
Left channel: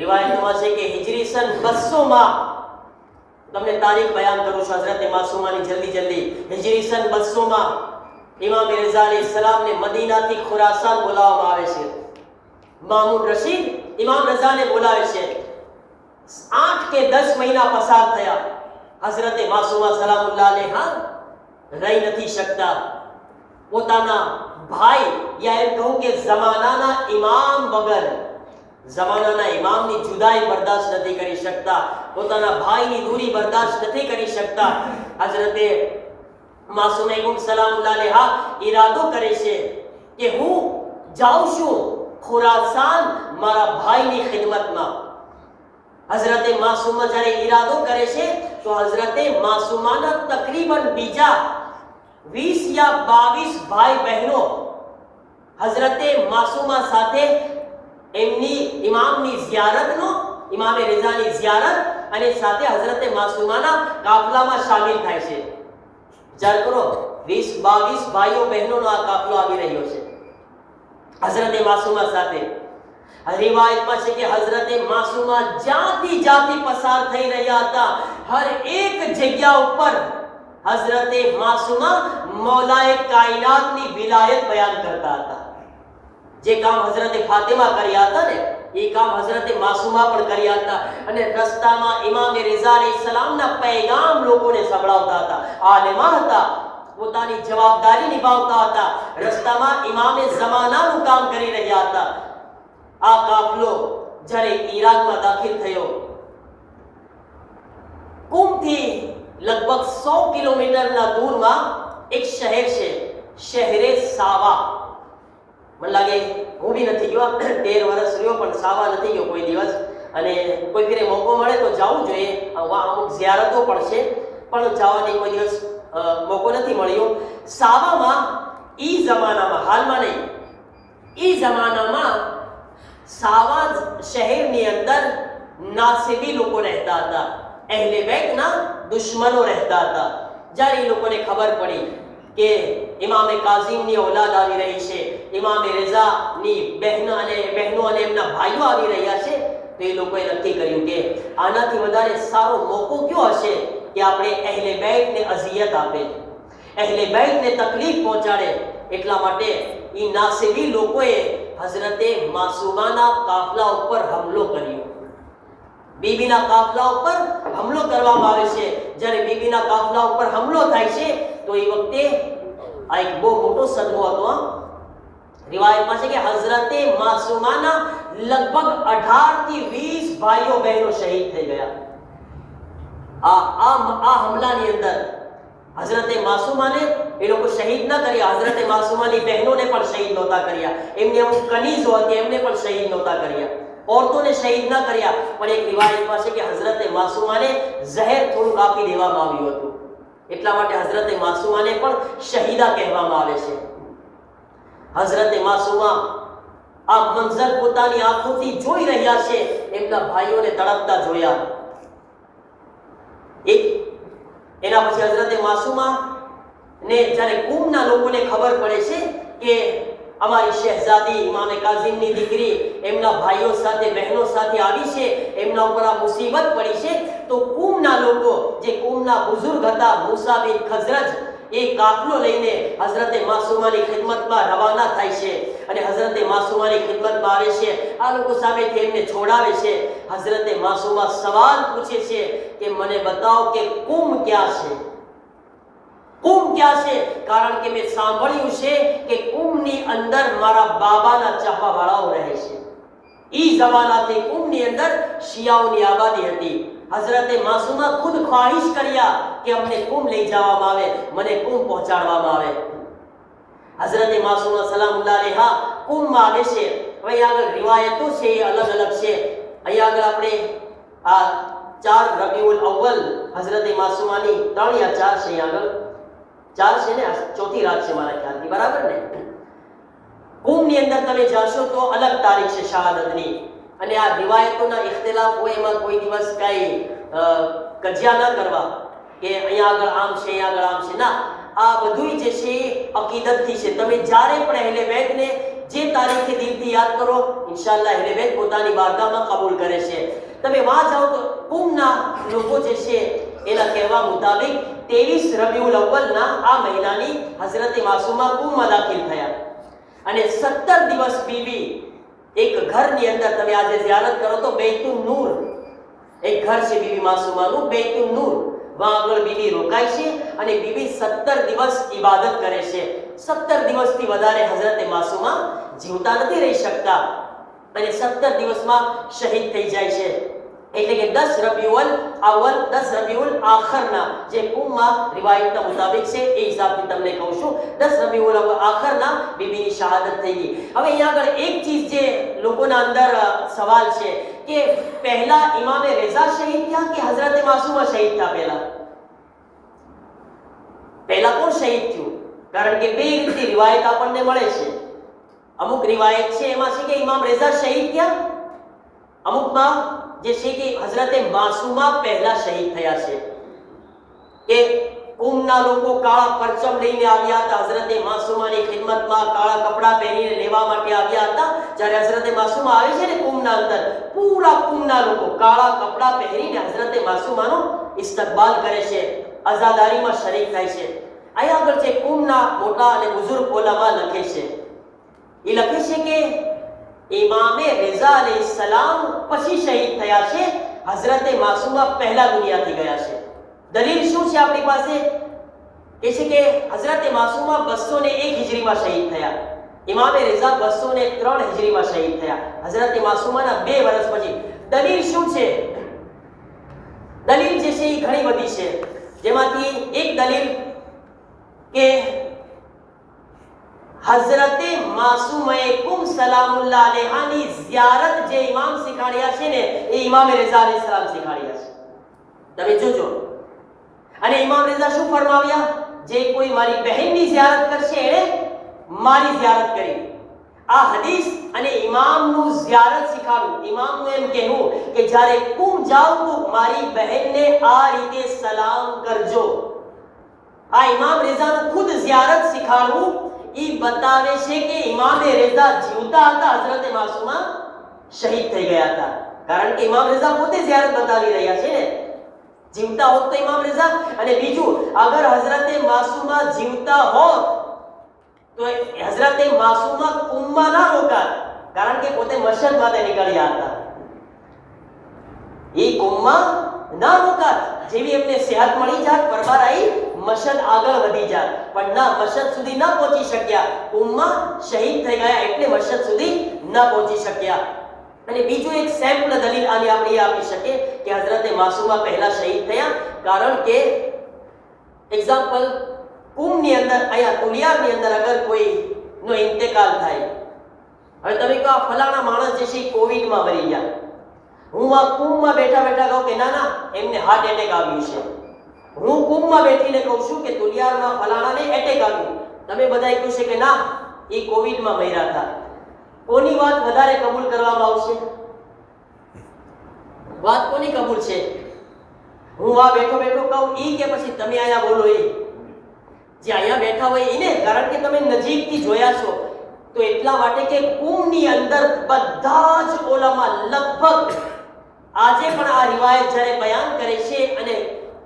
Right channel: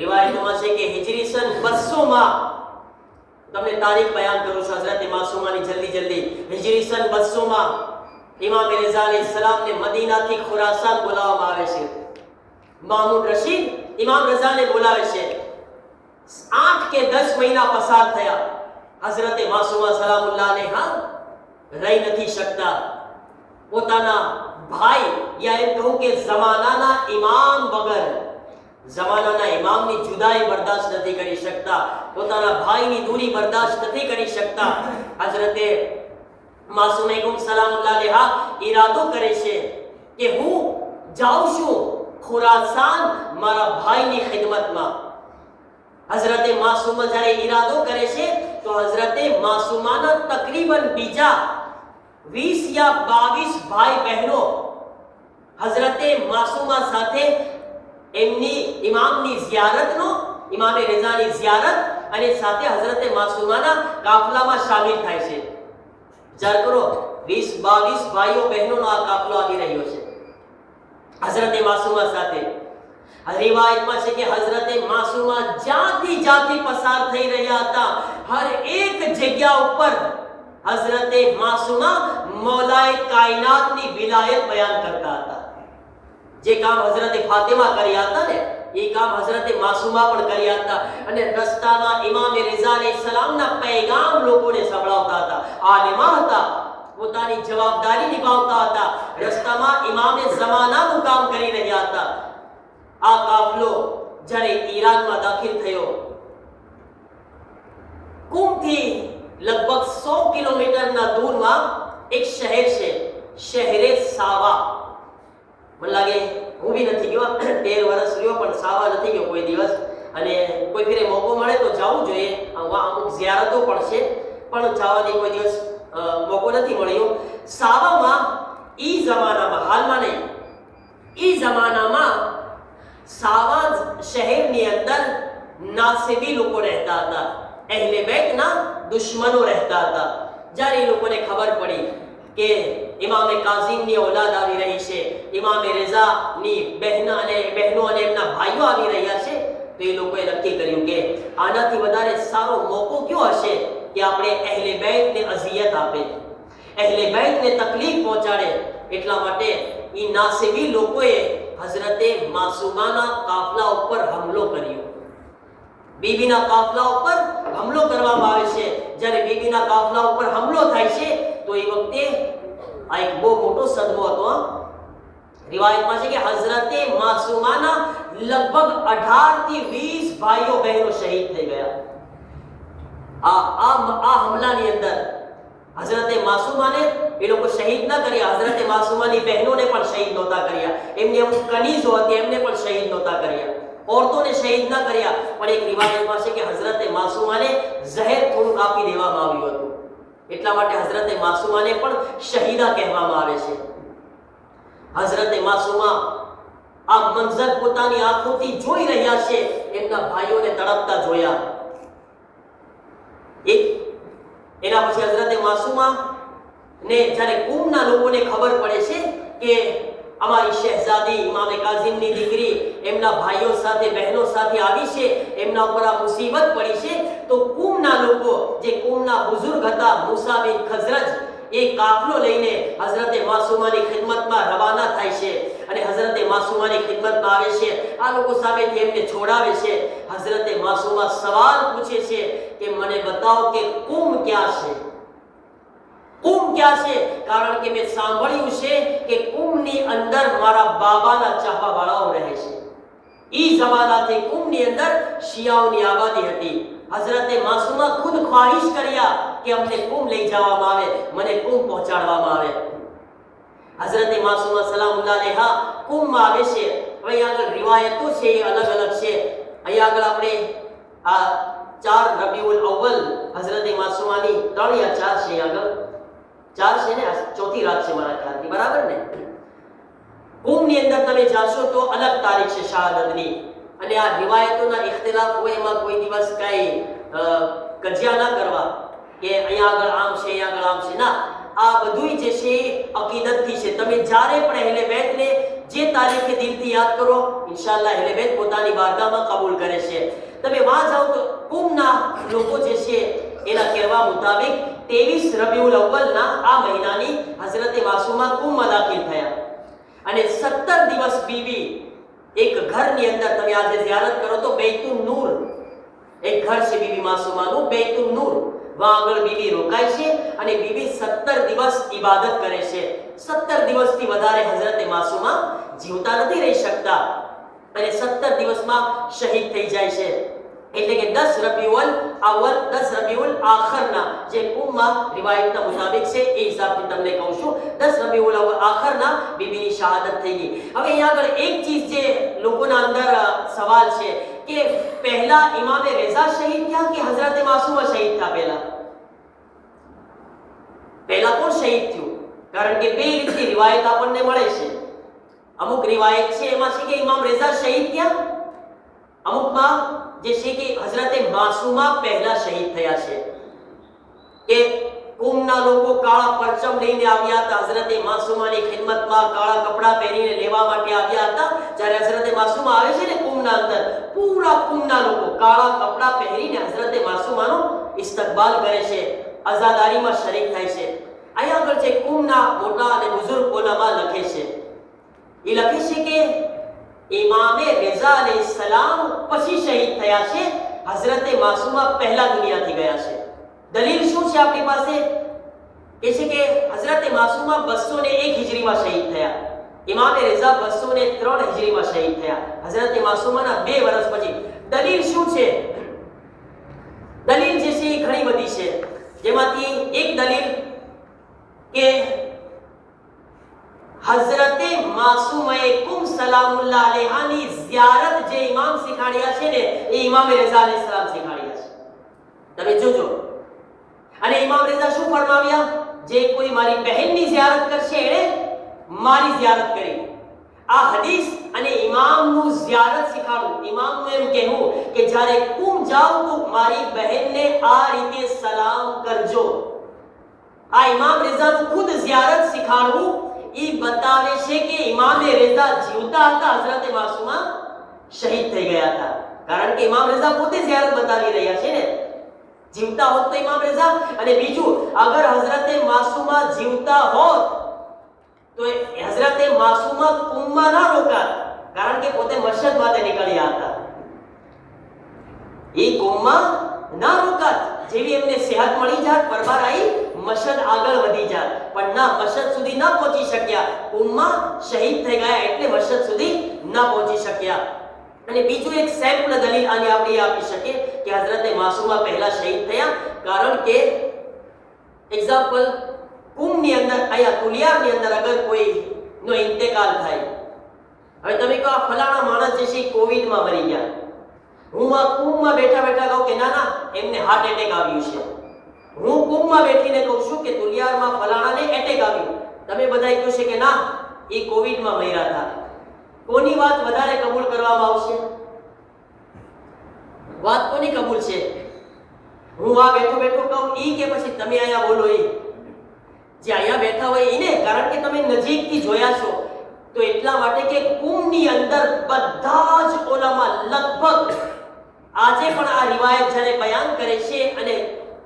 રિવાયતોમાં છે કે હિજરી સન 200 માં, તમને તારીખ બયાન કરું છું હઝરતે માસુમાની જલ્દી. હિજરી સન 200 માં ઇમામ રઝા અલૈહિસ્સલામને મદીનાથી ખુરાસાન બોલાવવામાં આવે છે. મામૂન રશીદ ઇમામ રઝાને બોલાવે છે. 8 કે 10 મહિના પસાર થયા. હઝરતે માસુમા સલામુલ્લાહ અલૈહા રહી નથી શકતા. પોતાના ભાઈ યા એમ કહું કે જમાનાના ઇમામ વગર, જમાનાના ઇમામની જુદાઈ બરદાસ્ત નથી કરી શકતા, પોતાના ભાઈની દૂરી બરદાસ્ત નથી કરી શકતા. હઝરતે માસુમા સલામુલ્લાહ અલૈહા ઈરાદો કરે છે કે હું જાઉં છું ખુરાસાન મારા ભાઈની ખિદમતમાં. હઝરતે માસુમા જ્યારે ઈરાદો કરે છે તો હઝરતે માસુમાના તકરીબન બીજા 20 યા 22 ભાઈ બહેનો હઝરતે માસુમા સાથે એમની ઇમામની ઝિયારતનો, ઇમામે રઝાની ઝિયારત અને સાથે હઝરતે માસુમાના કાફલામાં શામિલ થાય છે. વિચાર કરો 20-22 ભાઈઓ બહેનોનો આ કાફલો આવી રહ્યો છે હઝરતે માસુમા સાથે. રિવાયતમાં છે કે હઝરતે માસુમા જ્યાંથી પસાર થઈ રહ્યા હતા હર એક જગ્યા ઉપર હઝરતે માસુમા મૌલાએ કાયનાતની વિલાયત બયાન કરતા હતા. જે કામ હઝરતે ફાતિમા કર્યા હતા ને એ કામ હઝરતે માસુમા પણ કર્યા હતા. અને રસ્તામાં ઇમામે રઝા અલૈહિસ્સલામના પૈગામ લોકોને સંભળાવતા હતા. આલિમા હતા, પોતાની જવાબદારી નિભાવતા હતા. રસ્તામાં ઇમામે ઝમાનાનું કામ કરી રહ્યા હતા. આ કાફલો જ્યારે ઈરાકમાં દાખલ થયો, કુમથી લગભગ 100 કિલોમીટરના દૂરમાં એક શહેર છે, શહેરે સાવા. મને લાગે હું બી નથી ગયો, 13 વર્ષ રહ્યો પણ સાવા નથી ગયો કોઈ દિવસ. અને કોઈ ફેરે મોકો મળે તો જવું જોઈએ. અમુક ઝિયારતો પણ છે પણ જવાની કોઈ દિવસ મોકો નથી મળ્યો. સાવામાં ઈ જમાનામાં, હાલમાં નહીં, ઈ જમાનામાં સાવાજ શહેરની અંદર નાસિબી લોકો રહેતા હતા, અહેલે બેતના દુશ્મનો રહેતા હતા. જ્યારે એ લોકોને ખબર પડી કે ઇમામે કાઝીમની ઓલાદ આવી રહી છે, ઇમામે રઝાની બહેનો અને એમના ભાઈઓ આવી રહ્યા છે, તો એ લોકોએ નક્કી કર્યું કે આનાથી વધારે સારો મોકો કયો હશે કે આપણે અહેલે બેતને અઝિયત આપે, અહેલે બેતને તકલીફ પહોંચાડે. એટલા માટે એ નાસિબી લોકોએ હઝરતે માસૂમાના કાફલા ઉપર હુમલો કર્યો. બીબીના કાફલા ઉપર હુમલો કરવામાં આવે છે. જ્યારે બીબીના કાફલા ઉપર હુમલો થાય છે તો એ વખતે આ એક બહુ મોટો સદમો હતો. રિવાયતમાં છે કે હઝરતે માસૂમાના લગભગ 18 થી 20 ભાઈઓ બહેનો શહીદ થઈ ગયા. આ હુમલાની અંદર હઝરતે માસૂમાને એ લોકો શહીદ ન કર્યા, હઝરતે માસૂમાની બહેનોને પણ શહીદ નહોતા કર્યા, એમની અમુક કનીઝો હતી એમને પણ શહીદ નહોતા કર્યા, औरतों शहीद न કર્યા. પણ એક રિવાયતમાં છે કે હઝરતે માસૂમાને ઝહેર થોડું આપી દેવામાં આવ્યું હતું. એટલા માટે હઝરતે માસૂમાને પણ શહીદા કહેવામાં આવે છે. હઝરતે માસૂમા આ મંઝર પોતાની આંખોથી જોઈ રહ્યા છે, એમના ભાઈઓને તડપતા જોયા. એના પછી હઝરતે માસૂમા ને જ્યારે કુમના લોકોને ખબર પડે છે કે અમારી શહેઝાદી ઇમામે કાઝીમની દીકરી એમના ભાઈઓ સાથે બહેનો સાથે આવી છે, એમના ઉપર આ મુસીબત પડી છે, તો કુમના લોકો, જે કુમના બુઝુર્ગ હતા મૂસા બિન ખઝરજ, એ કાફલો લઈને હઝરતે માસૂમાની ખિદમતમાં રવાના થાય છે અને હઝરતે માસૂમાની ખિદમતમાં આવે છે. આ લોકો સામેથી એમને છોડાવે છે. હઝરતે માસૂમા સવાલ પૂછે છે કે મને બતાવો કે કુમ ક્યાં છે, કુમ ક્યાં છે? કારણ કે મેં સાંભળ્યું છે કે કુમની અંદર મારા બાબાના ચાહવાવાળાઓ રહે છે. ઈ જમાનાથી કુમની અંદર શિયાઓની આબાદી હતી. હઝરતે માસૂમા ખુદ ખ્વાહિશ કર્યા કે અમને કુમ લઈ જવામાં આવે, મને કુમ પહોંચાડવામાં આવે. હઝરતે માસૂમા સલામુલ્લાહ અલૈહા કુમમાં આવે છે. હવે આગળ રિવાયતો છે એ અલગ અલગ છે. અહીં આગળ આપણે આ 4 રબીઉલ અવ્વલ હઝરતે માસૂમાની 3 યા 4 છે, આગળ 4 છે ને, ચોથી રાત છે મારા ખ્યાલથી, બરાબર ને? કુમની અંદર તમે જાશો તો અલગ તારીખ છે શહાદતની, અને આ રિવાયતોના ઇખ્તિલાફ હોય, એમાં કોઈ દિવસ કઈ કજિયા ન કરવા કે અહીંયા આગળ આમ છે, અહીંયા આગળ આમ છે. ના, આ બધું જે છે અકીદતથી છે. તમે જ્યારે પણ અહેલે બેતને જે તારીખે દિલથી યાદ કરો, ઇન્શાઅલ્લાહ અહેલે બેત પોતાની બારગાહમાં કબૂલ કરે છે. તમે વાં જાઓ તો કુમના લોકો જે છે એના કહેવા મુતાબિક 23 રબીઉલ અવ્વલના આ મહિનાની હઝરતે માસૂમા કુમમાં દાખિલ થયા અને 17 દિવસ બીબી એક ઘરની અંદર, તમે આજે ઝિયારત કરો તો બૈતુન નૂર એક ઘર છે બીબી માસૂમાનું, બૈતુન નૂર, વહાં આગળ બીબી રોકાય છે અને બીબી 17 દિવસ ઇબાદત કરે છે. 17 દિવસથી વધારે હઝરતે માસૂમા જીવતા નથી રહી શકતા અને 17 દિવસમાં શહીદ થઈ જાય છે. એટલે કે 10 રબીઉલ અવ્વલ 10 રબીઉલ આખરના જે કુમમાં રિવાયતના મુતાબિક છે એ હિસાબથી તમને કહું છું, 10 રબીઉલ આખરના બીબીની શહાદત થઈ ગઈ. હવે અહીંયા આગળ એક ચીજ જે લોકોના અંદર સવાલ છે કે પહેલા ઇમામે રઝા શહીદ થયા કે હઝરતે માસૂમા શહીદ થયા? પહેલા કોણ શહીદ થયું? કારણ કે બે રીતની રિવાયત આપણને મળે છે. અમુક રિવાયત છે એમાં છે કે ઇમામ રઝા શહીદ થયા, અમુકમાં જે છે કે હઝરતે માસૂમા પહેલા શહીદ થયા છે. કે કુમના લોકો કાળા પરચમ લઈને આવ્યા હતા હઝરતે માસૂમાની ખિદમતમાં, કાળા કપડા પહેરીને લેવા માટે આવ્યા હતા. જ્યારે હઝરતે માસૂમા આવે છે ને કુમના અંદર, પૂરા કુમના લોકો કાળા કપડા પહેરીને હઝરતે માસૂમાનો ઇસ્તકબાલ કરે છે, આઝાદારીમાં શરીક થાય છે. અહીંયા આગળ જે કુમના મોટા અને બુઝુર્ગ ઉલમા લખે છે, એ લખે છે કે ઇમામે રઝા અલૈહિસ્સલામ પછી શહીદ થયા છે, હઝરતે માસૂમા પહેલા દુનિયાથી ગયા છે. દલીલ શું છે આપણી પાસે? એ છે કે હઝરતે માસૂમા 201 હિજરીમાં શહીદ થયા, ઇમામે રઝા 203 હિજરીમાં શહીદ થયા, હઝરતે માસૂમાના 2 વર્ષ પછી. દલીલ શું છે? દલીલ જે છે એ ઘણી બધી છે, જેમાંથી એક દલીલ કે હઝરતે માસૂમાએ કુમ સલામુલ્લાહ અલૈહાની ઝિયારત જે ઇમામ શીખાડ્યા છે ને, એ ઇમામે રઝા અલૈહિસ્સલામ શીખાડ્યા છે. તમે જોજો. અને ઇમામ રઝા શું ફરમાવ્યા? જે કોઈ મારી બહેનની ઝિયારત કરશે એને મારી ઝિયારત કરી. આ હદીસ અને ઇમામનું ઝિયારત શીખાડું, ઇમામનું એમ કહેવું કે જ્યારે કુમ જાઓ તો મારી બહેનને આ રીતે સલામ કરજો. આ ઇમામ રેઝાનું ખુદ ઝિયારત શીખાડવું એ બતાવે છે કે ઇમામે રેઝા જીવતા હતા, હઝરત માસુમા શહીદ થઈ ગયા હતા. કારણ કે ઇમામ રેઝા પોતે ઝિયારત બતાવી રહ્યા છે ને, જીવતા હોત તો ઇમામ રેઝા. અને બીજું, અગર હઝરત માસુમા જીવતા હોત તો હઝરત માસુમા કુમમાં ના રોકાત, કારણ કે પોતે મશહદ માટે નીકળ્યા હતા. એ કુમમાં ના રોકાત, જેવી એમને સેહત મળી જાત, પરબાર આવી મશહદ આગળ વધી જાત, પણ ના, મશહદ સુધી ના પહોંચી શક્યા. કુમમાં શહીદ થઈ ગયા એટલે મશહદ સુધી ના પહોંચી શક્યા. અને બીજું એક સેમ્પલ દલીલ આને આપણે આપી શકીએ કે હઝરત માસુમા પહેલા શહીદ થયા, કારણ કે એક્ઝામ્પલ, કુમની અંદર, અહીંયા તુલિયાની અંદર અગર કોઈનો ઇન્તેકાલ થાય, હવે તમે કહો આ ફલાણા માણસ જે છે કોવિડમાં મરી ગયા, હું આ કુમમાં બેઠા બેઠા કહું કે ના ના એમને હાર્ટ એટેક આવ્યું છે, હું કુમમાં બેઠીને કહું છું કે તુલિયારમાં ફલાણાને એટેક આવ્યું, તમે બધાએ કહ્યું છે કે ના એ કોવિડમાં મર્યા હતા, કોની વાત વધારે કબૂલ કરવામાં આવશે? વાત કોની કબૂલ છે? હું આ બેઠો બેઠો કહું ઈ કે પછી તમે અહીંયા બોલો એ? જે અહીંયા બેઠા હોય એને, કારણ કે તમે નજીકથી જોયા છો. તો એટલા માટે કે કુમની અંદર બધા જ ઉલમા લગભગ આજે પણ આ રિવાયત જ્યારે બયાન કરે છે અને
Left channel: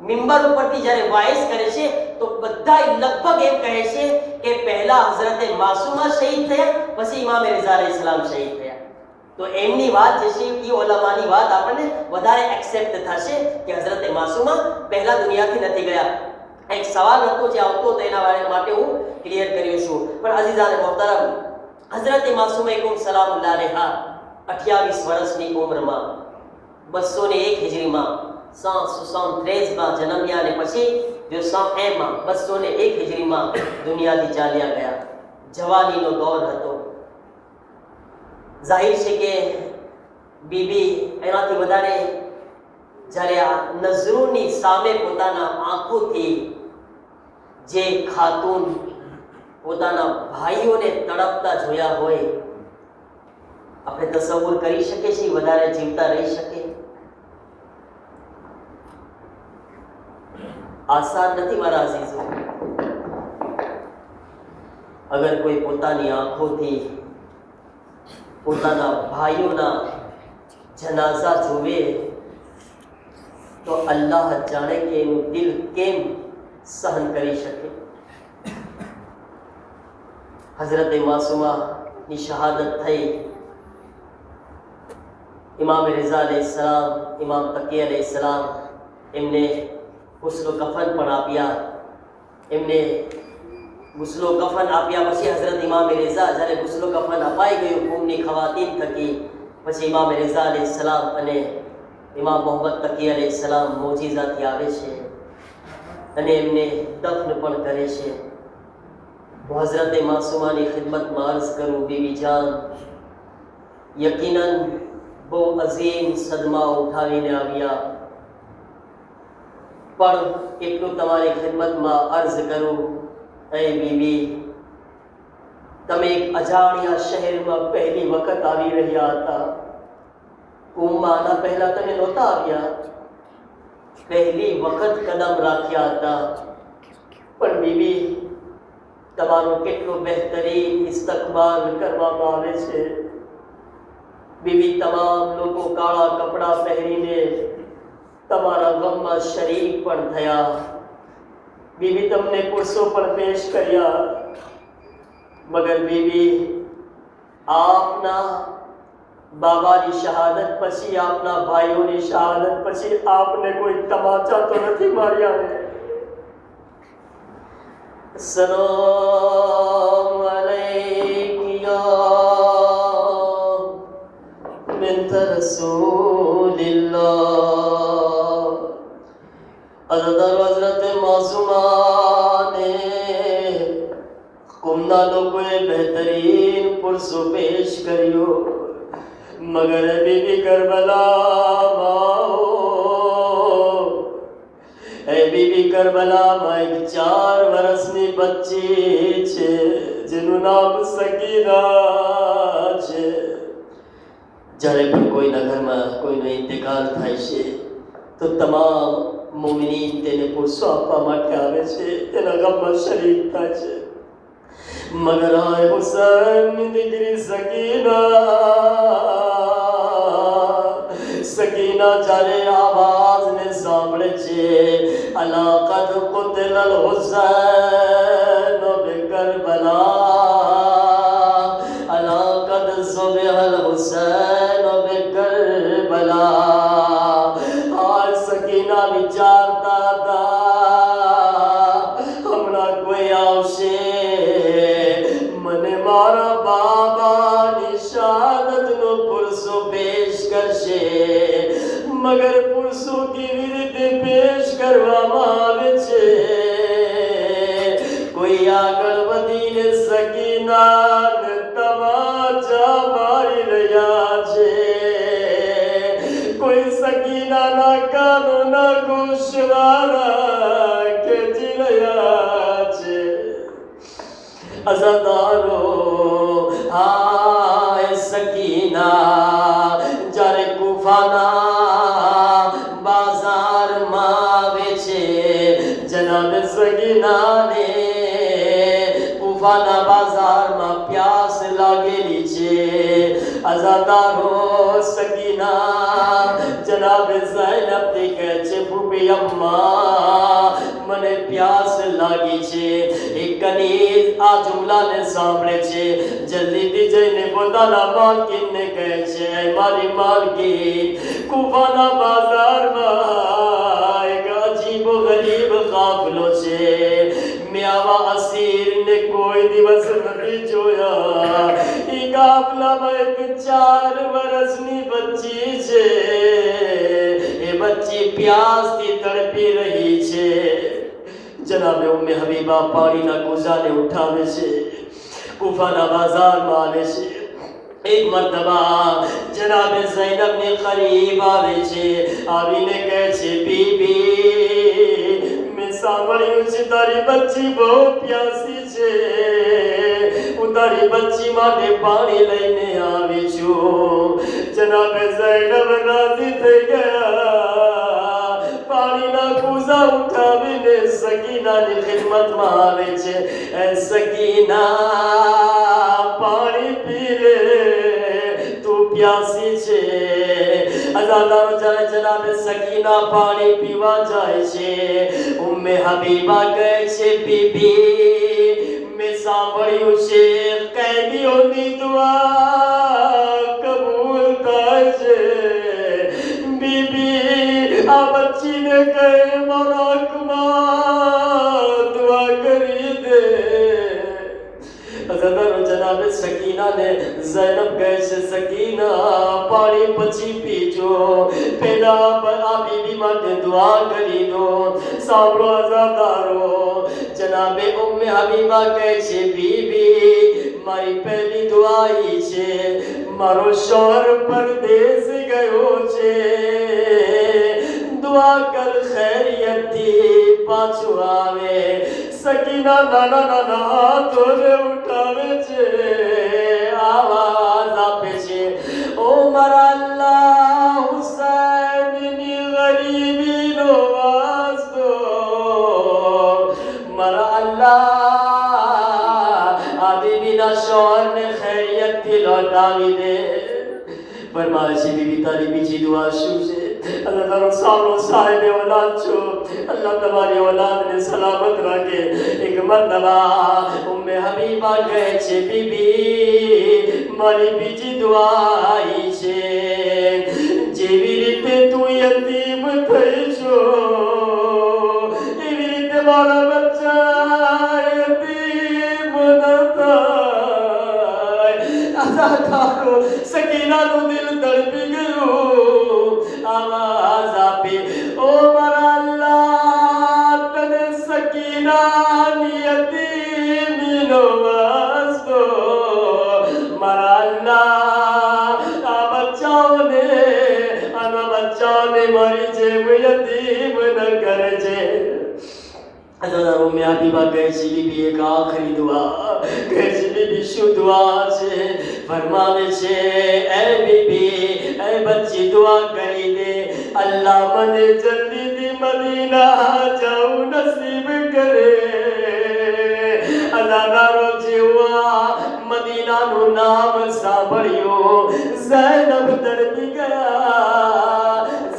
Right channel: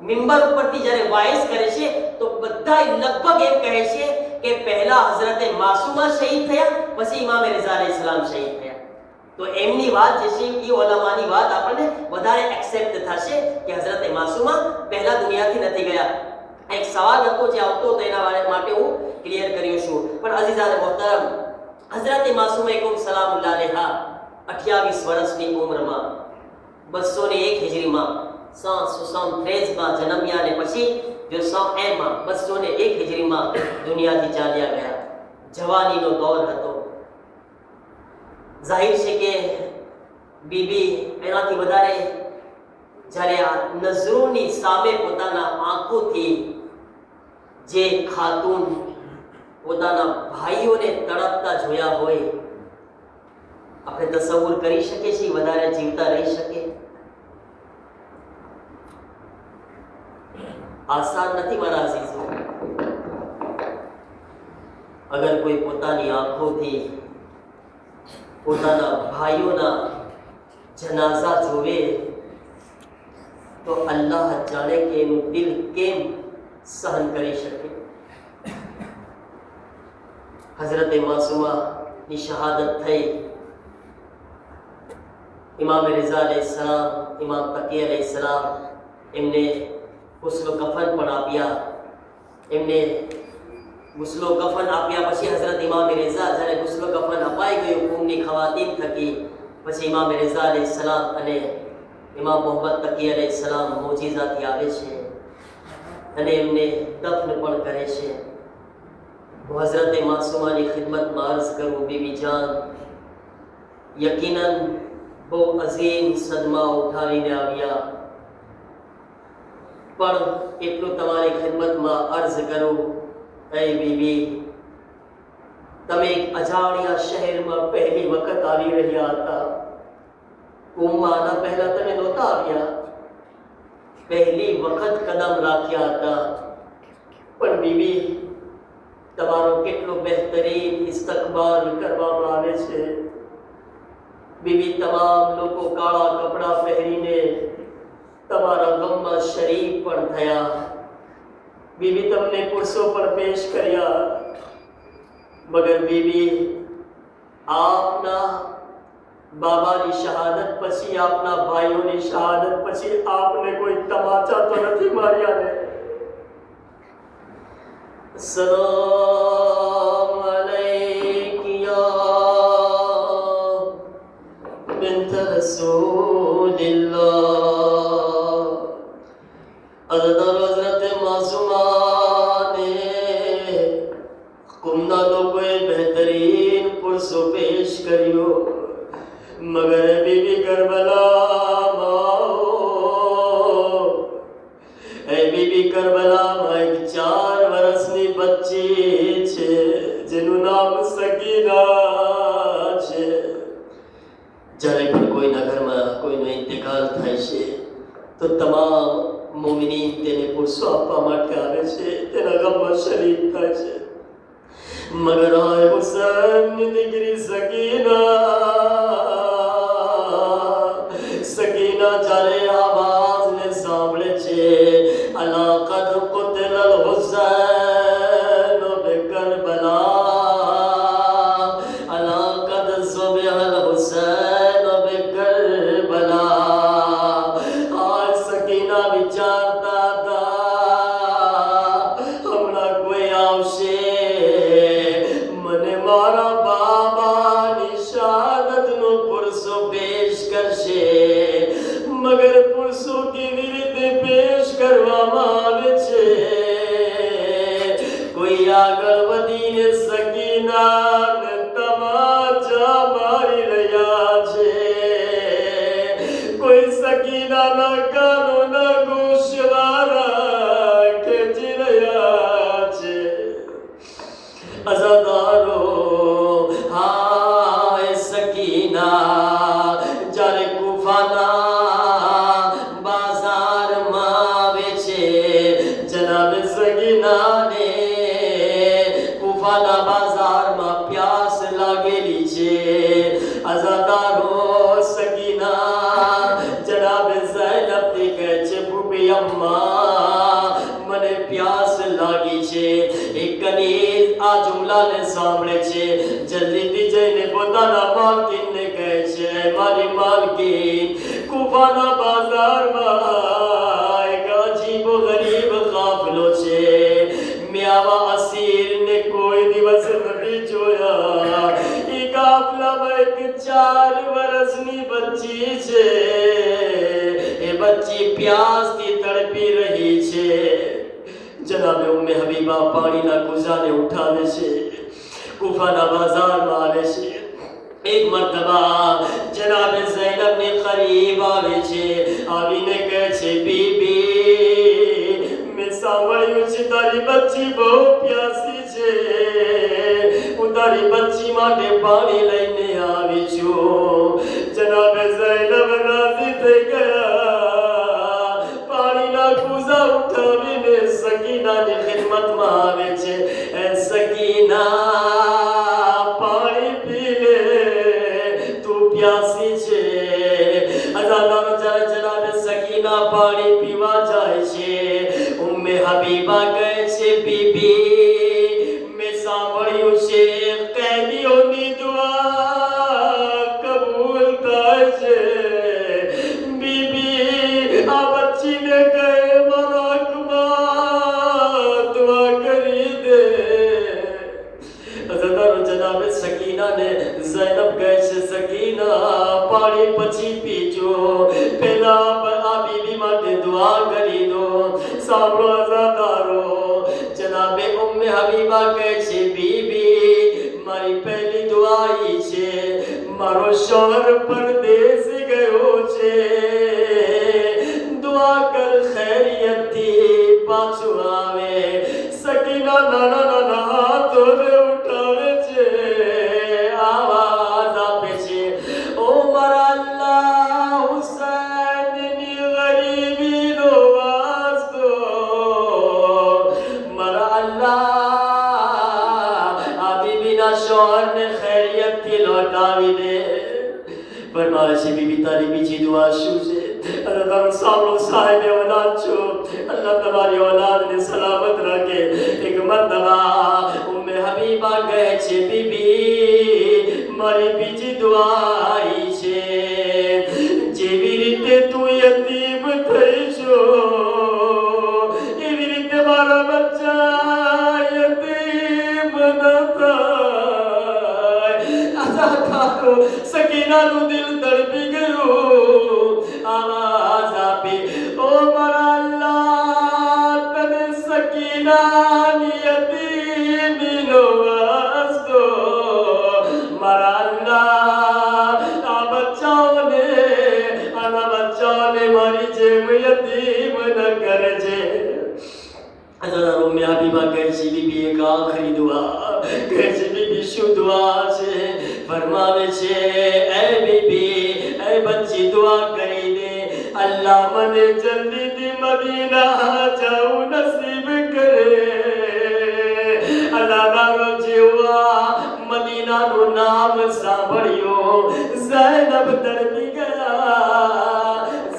મિંબર ઉપરથી જ્યારે વાઇસ કરે છે તો બધા લગભગ એમ કહે છે કે પહેલા હઝરત માસુમા શહીદ થયા, પછી ઇમામ રેઝા અલૈહિસ્સલામ શહીદ થયા. તો એમની વાત જે છે એ ઉલમાની વાત આપણને વધારે એક્સેપ્ટ થશે કે હઝરત માસુમા પહેલા દુનિયાથી નથી ગયા. એક સવાલ હતો જે આવતો હતો એના માટે હું ક્લિયર કર્યો છું. પણ અઝીઝાને મોહતરમ, હઝરત માસુમા કુમ સલામુલ્લાહ અલૈહા 28 વર્ષની ઉંમરમાં 201 હિજરીમાં 773 માં જન્મ્યા અને પછી 201 માં 201 હિજરીમાં દુનિયાથી ચાલ્યા ગયા. જવાનીનો દૌર હતો. જાહિર છે કે બીબી એનાથી વધારે જ્યારે આ નજરોની સામે પોતાના આંખોથી જે ખાતુન પોતાના ભાઈઓને તડપતા જોયા હોય, આપણે તસવ્વુર કરી શકીએ છીએ વધારે જીવતા રહી શકે? આસાન નથી મારા અઝીઝો. અગર કોઈ પોતાની આંખોથી પોતાના ભાઈઓના જનાઝા જોવે તો અલ્લાહ જાણે કે એનું દિલ કેમ સહન કરી શકે. હઝરત માસુમાની શહાદત થઈ. ઇમામ રેઝા અલૈહિસ્સલામ, ઇમામ તકી અલૈહિસ્સલામ એમને ગુસ્લો કફન પણ આપ્યા. એમને ગુસ્લો કફન આપ્યા પછી હઝરત ઇમામ રેઝા જ્યારે ગુસ્લો કફન અપાઈ ગયું કુમની ખવાતીન થકી, પછી ઇમામ રેઝા અલૈહિસ્સલામ અને ઇમામ મોહમ્મદ તકી અલૈહિસ્સલામ મોજીઝાથી આવે છે અને એમને દફન પણ કરે છે. હું હઝરત માસુમાની ખિદમતમાં અર્ઝ કરું, બીબી જાન, યકીનન બહુ અઝીમ સદમા ઉઠાવીને આવ્યા, પણ એટલું તમારી ખિદમતમાં અર્ઝ કરું, એ બીબી, તમે એક અજાણ્યા શહેરમાં પહેલી વખત આવી રહ્યા હતા. કુંભમાં આના પહેલા તમે નહોતા આવ્યા, પહેલી વખત કદમ રાખ્યા હતા. પણ બીબી, તમારો કેટલો બહેતરીન ઇસ્તકબાલ કરવામાં આવે છે. બીબી, તમામ લોકો કાળા કપડાં પહેરીને તમારા ગમમાં શરીક પણ થયા. બીબી, તમને પુરુષો પણ પેશ કર્યા. મગર બીબી, આપના બાબાની શહાદત પછી, આપના ભાઈઓની શહાદત પછી આપને કોઈ તમાચા તો નથી માર્યા ને? સલામ અલૈકિયા બિન્ટ રસૂલિલ્લાહ. હઝરત માસુમાને કુમના લોકોએ બહેતરીન પુરુષો પેશ કર્યો, મગર બીબી કરબલામાં, એ બીબી કરબલામાં એક 4 વર્ષની બચ્ચી છે જેનું નામ સકીના જ્યારે પણ કોઈના ઘરમાં કોઈનો ઇંતકાલ થાય છે તો તમામ મુમિનીન તેને પુરસો આપવા માટે આવે છે, તેના ગામમાં શરીક થાય છે. મગર આય હુસૈનની દીકરી સકીના જ્યારે આવાજને સાંભળે છે, અલા કદ કુતિલલ હુસૈન બિકરબલા, અલા કદ ઝુબિહલ હુસૈન બિકરબલા. આ સકીના વિચારતા હતા, હમણાં કોઈ આવશે, મને મારા બાબાની શહાદતનો પુરસો પેશ કરશે. મગર પુરસો કેવી રીતે પેશ કરવામાં આવે છે? કોઈ આગળ વધીને સકીનાને તમાચા મારી રહ્યા છે, કોઈ સકીનાના કાનોના ગોશવારા ખેંચી રહ્યા છે. અઝાદારો, હાય સકીના જ્યારે કુફાના બાજારમાં આવે છે, જનાબે સકીનાને કુફાના બાજારમાં પ્યાસ લાગેલી છે. અઝાદારો, સકીના જનાબે ઝૈનબને કહે છે, ભૂપી અમ્મા મને પ્યાસ લાગી છે. એક કનીઝ આ જુમલાને સાંભળે છે, જલ્દીથી જઈને પોતાના માલકીનને કહે છે, મારી માલકીન, કુફાના બાજારમાં એક અજીબ ગરીબ કાફલો છે. મેં આવા અસીરને કોઈ દિવસ નથી જોયા. એ કાફલામાં એક 4 વર્ષની બચ્ચી છે. એ બચ્ચી પ્યાસથી તડપી રહી છે. જનાબે ઉમ્મે હબીબા પાણીના કુઝાને ઉઠાવે છે, કુફાના બાજારમાં આવે છે. એક મરતબા જનાબે ઝૈનબને કરીબ આવે છે, આવીને કહે છે, બીબી મેં સાંભળ્યું છે તારી બચ્ચી બહુ પ્યાસી છે, હું તારી બચ્ચી માટે પાણી લઈને આવી છું. જનાબે ઝૈનબ રાજી થઈ ગયા, પાણીના કુઝા ઉઠાવીને સકીનાની ખિદમતમાં આવે છે. એ સકીના પાણી પી લે, તું પ્યાસી છે. અઝાદારો જ્યારે જનાબે સકીના પાણી પીવા જાય છે, ઉમ્મે હબીબા કહે છે, બીબી મેં સાંભળ્યું છે કેદીઓની દુઆ કબૂલ થાય છે. બીબી આ બચ્ચીને કહે મારા હકમાં દુઆ કરી દે. અઝાદારો જનાબે સકીનાને ઝૈનબ કહે છે, સકીના પાણી પછી પીજો, પહેલા આ બીબી માટે દુઆ કરી દો. સાંભળો અઝાદારો, જનાબે ઉમ્મે હબીબા કહે છે, બીબી મારી પહેલી દુઆ ઈ છે, મારો શોહર પરદેશ ગયો છે, દુઆ કર ખૈરિયતથી પાછું આવે. સકીના નાના નાના હાથોને ઉઠાવે છે, આવાજ આપે છે, ઓ મારા અલ્લાહ, હુસૈનની ગરીબીનો વાસ્તો, મારા અલ્લાહ આ બીબીના શોહરને ખૈરિયતથી લૌટાવી દે. ફરમાવે છે, બીબી તારી બીજી દુઆ શું છે? અલ્લાહ તારો સામનો સાહેબે ઓલાદ છો, અલ્લાહ તમારી ઓલાદને સલામત રાખે. એક મરતબા ઉમ્મે હબીબા કહે છે, બીબી મારી બીજી દુઆ ઈ છે, જેવી રીતે તું યતીમ થઈ છો, એવી રીતે મારા બચ્ચા યતીમ ન થાય. અઝાદારો, સકીનાનું દિલ તડપી ગયું, આવાજ આપી, ઓ મારા અલ્લાહ, તને સકીનાની યતીમીનો વાસ્તો, મારા અલ્લાહ આ બચ્ચાઓને મારી જેમ યતીમ ન કરજે. અઝાદારો ઉમ્મે હબીબા કહે છે, બીબી એક આખરી દુઆ કહે છે. બીબી શું દુઆ છે? ફરમાવે છે, એ બીબી दुआ करी दे अल्लाह मने जल्दी दी मदीना जाऊं नसीब करे अल्लाह जीवा मदीना नु नाम सांभळ्यो ज़ैनब तड़पी गया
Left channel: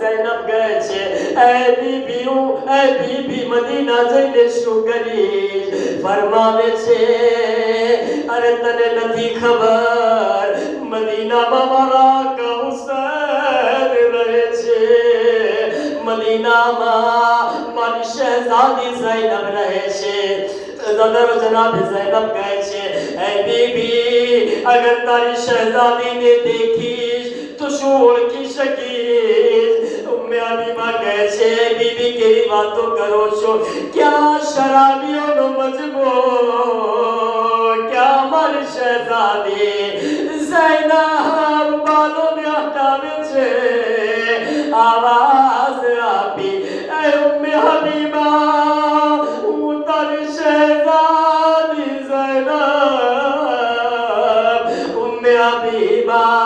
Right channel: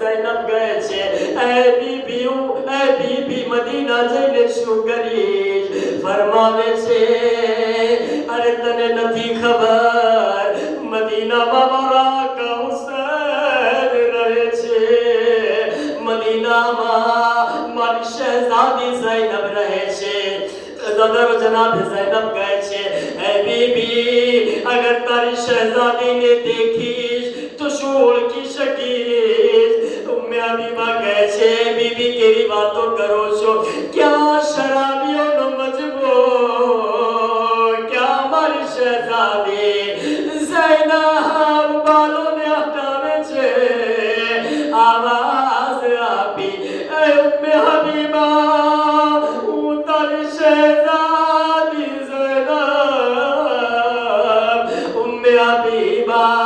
ज़ैनब गए छे ए बीबी मदीना जईने શું કરીશ ફરમાવે છે અરે તને નથી ખબર મદીનામાં મારા કૌસર રહે છે મદીનામાં મારી શહેઝાદી ઝૈનબ રહે છે ज़दर जनाब ज़ैनब કહે છે એ બીબી અગર તારી શહેઝાદીને દેખીશ તો શું ઓળખી શકીશ ઉમ્મે હબીબા કહે છે બીબી કેવી વાતો કરો છો ક્યાં શરાબીઓનો મજમો ક્યાં મારી શહેઝાદી ઝૈનબ બાલોને હટાવે છે આવાજ આપી એ ઉમ્મે હબીબા હું તારી શહેઝાદી ઝૈનબ ઉમ્મે હબીબા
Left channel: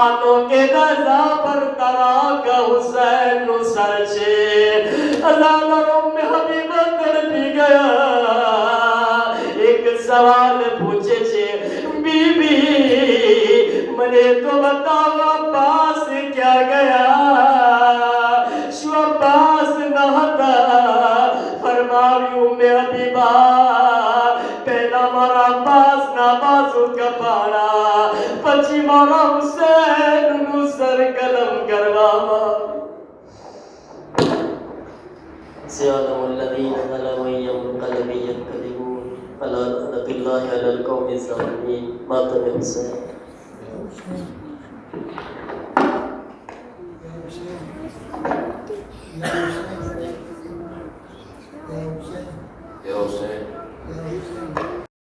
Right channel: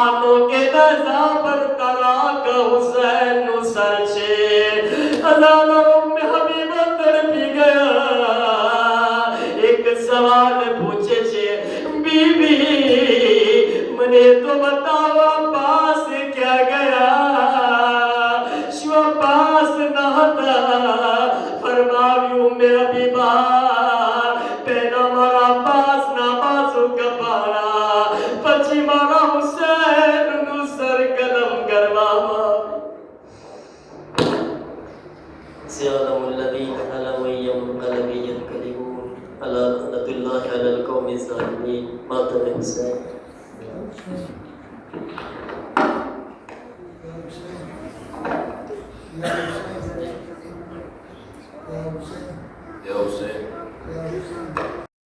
આનો કે દઝા પર તારા કૌસર નું સર છે અઝાનો ઉમ્મે હબીબા તડપી ગયા એક સવાલ પૂછે છે બીબી મને તો બતાવો પાસ ક્યાં ગયા શું પાસ ન હતા ફરમાવ્યું ઉમ્મે હબીબા પહેલા મારા પાસના બાજુ કપાળા પછી મારા હુસૈનનું સર કલમ કરવામાં سيعلم الذين ظلموا أي منقلب ينقلبون ألا لعنة الله على القوم الظالمين مات الحسين Yeah.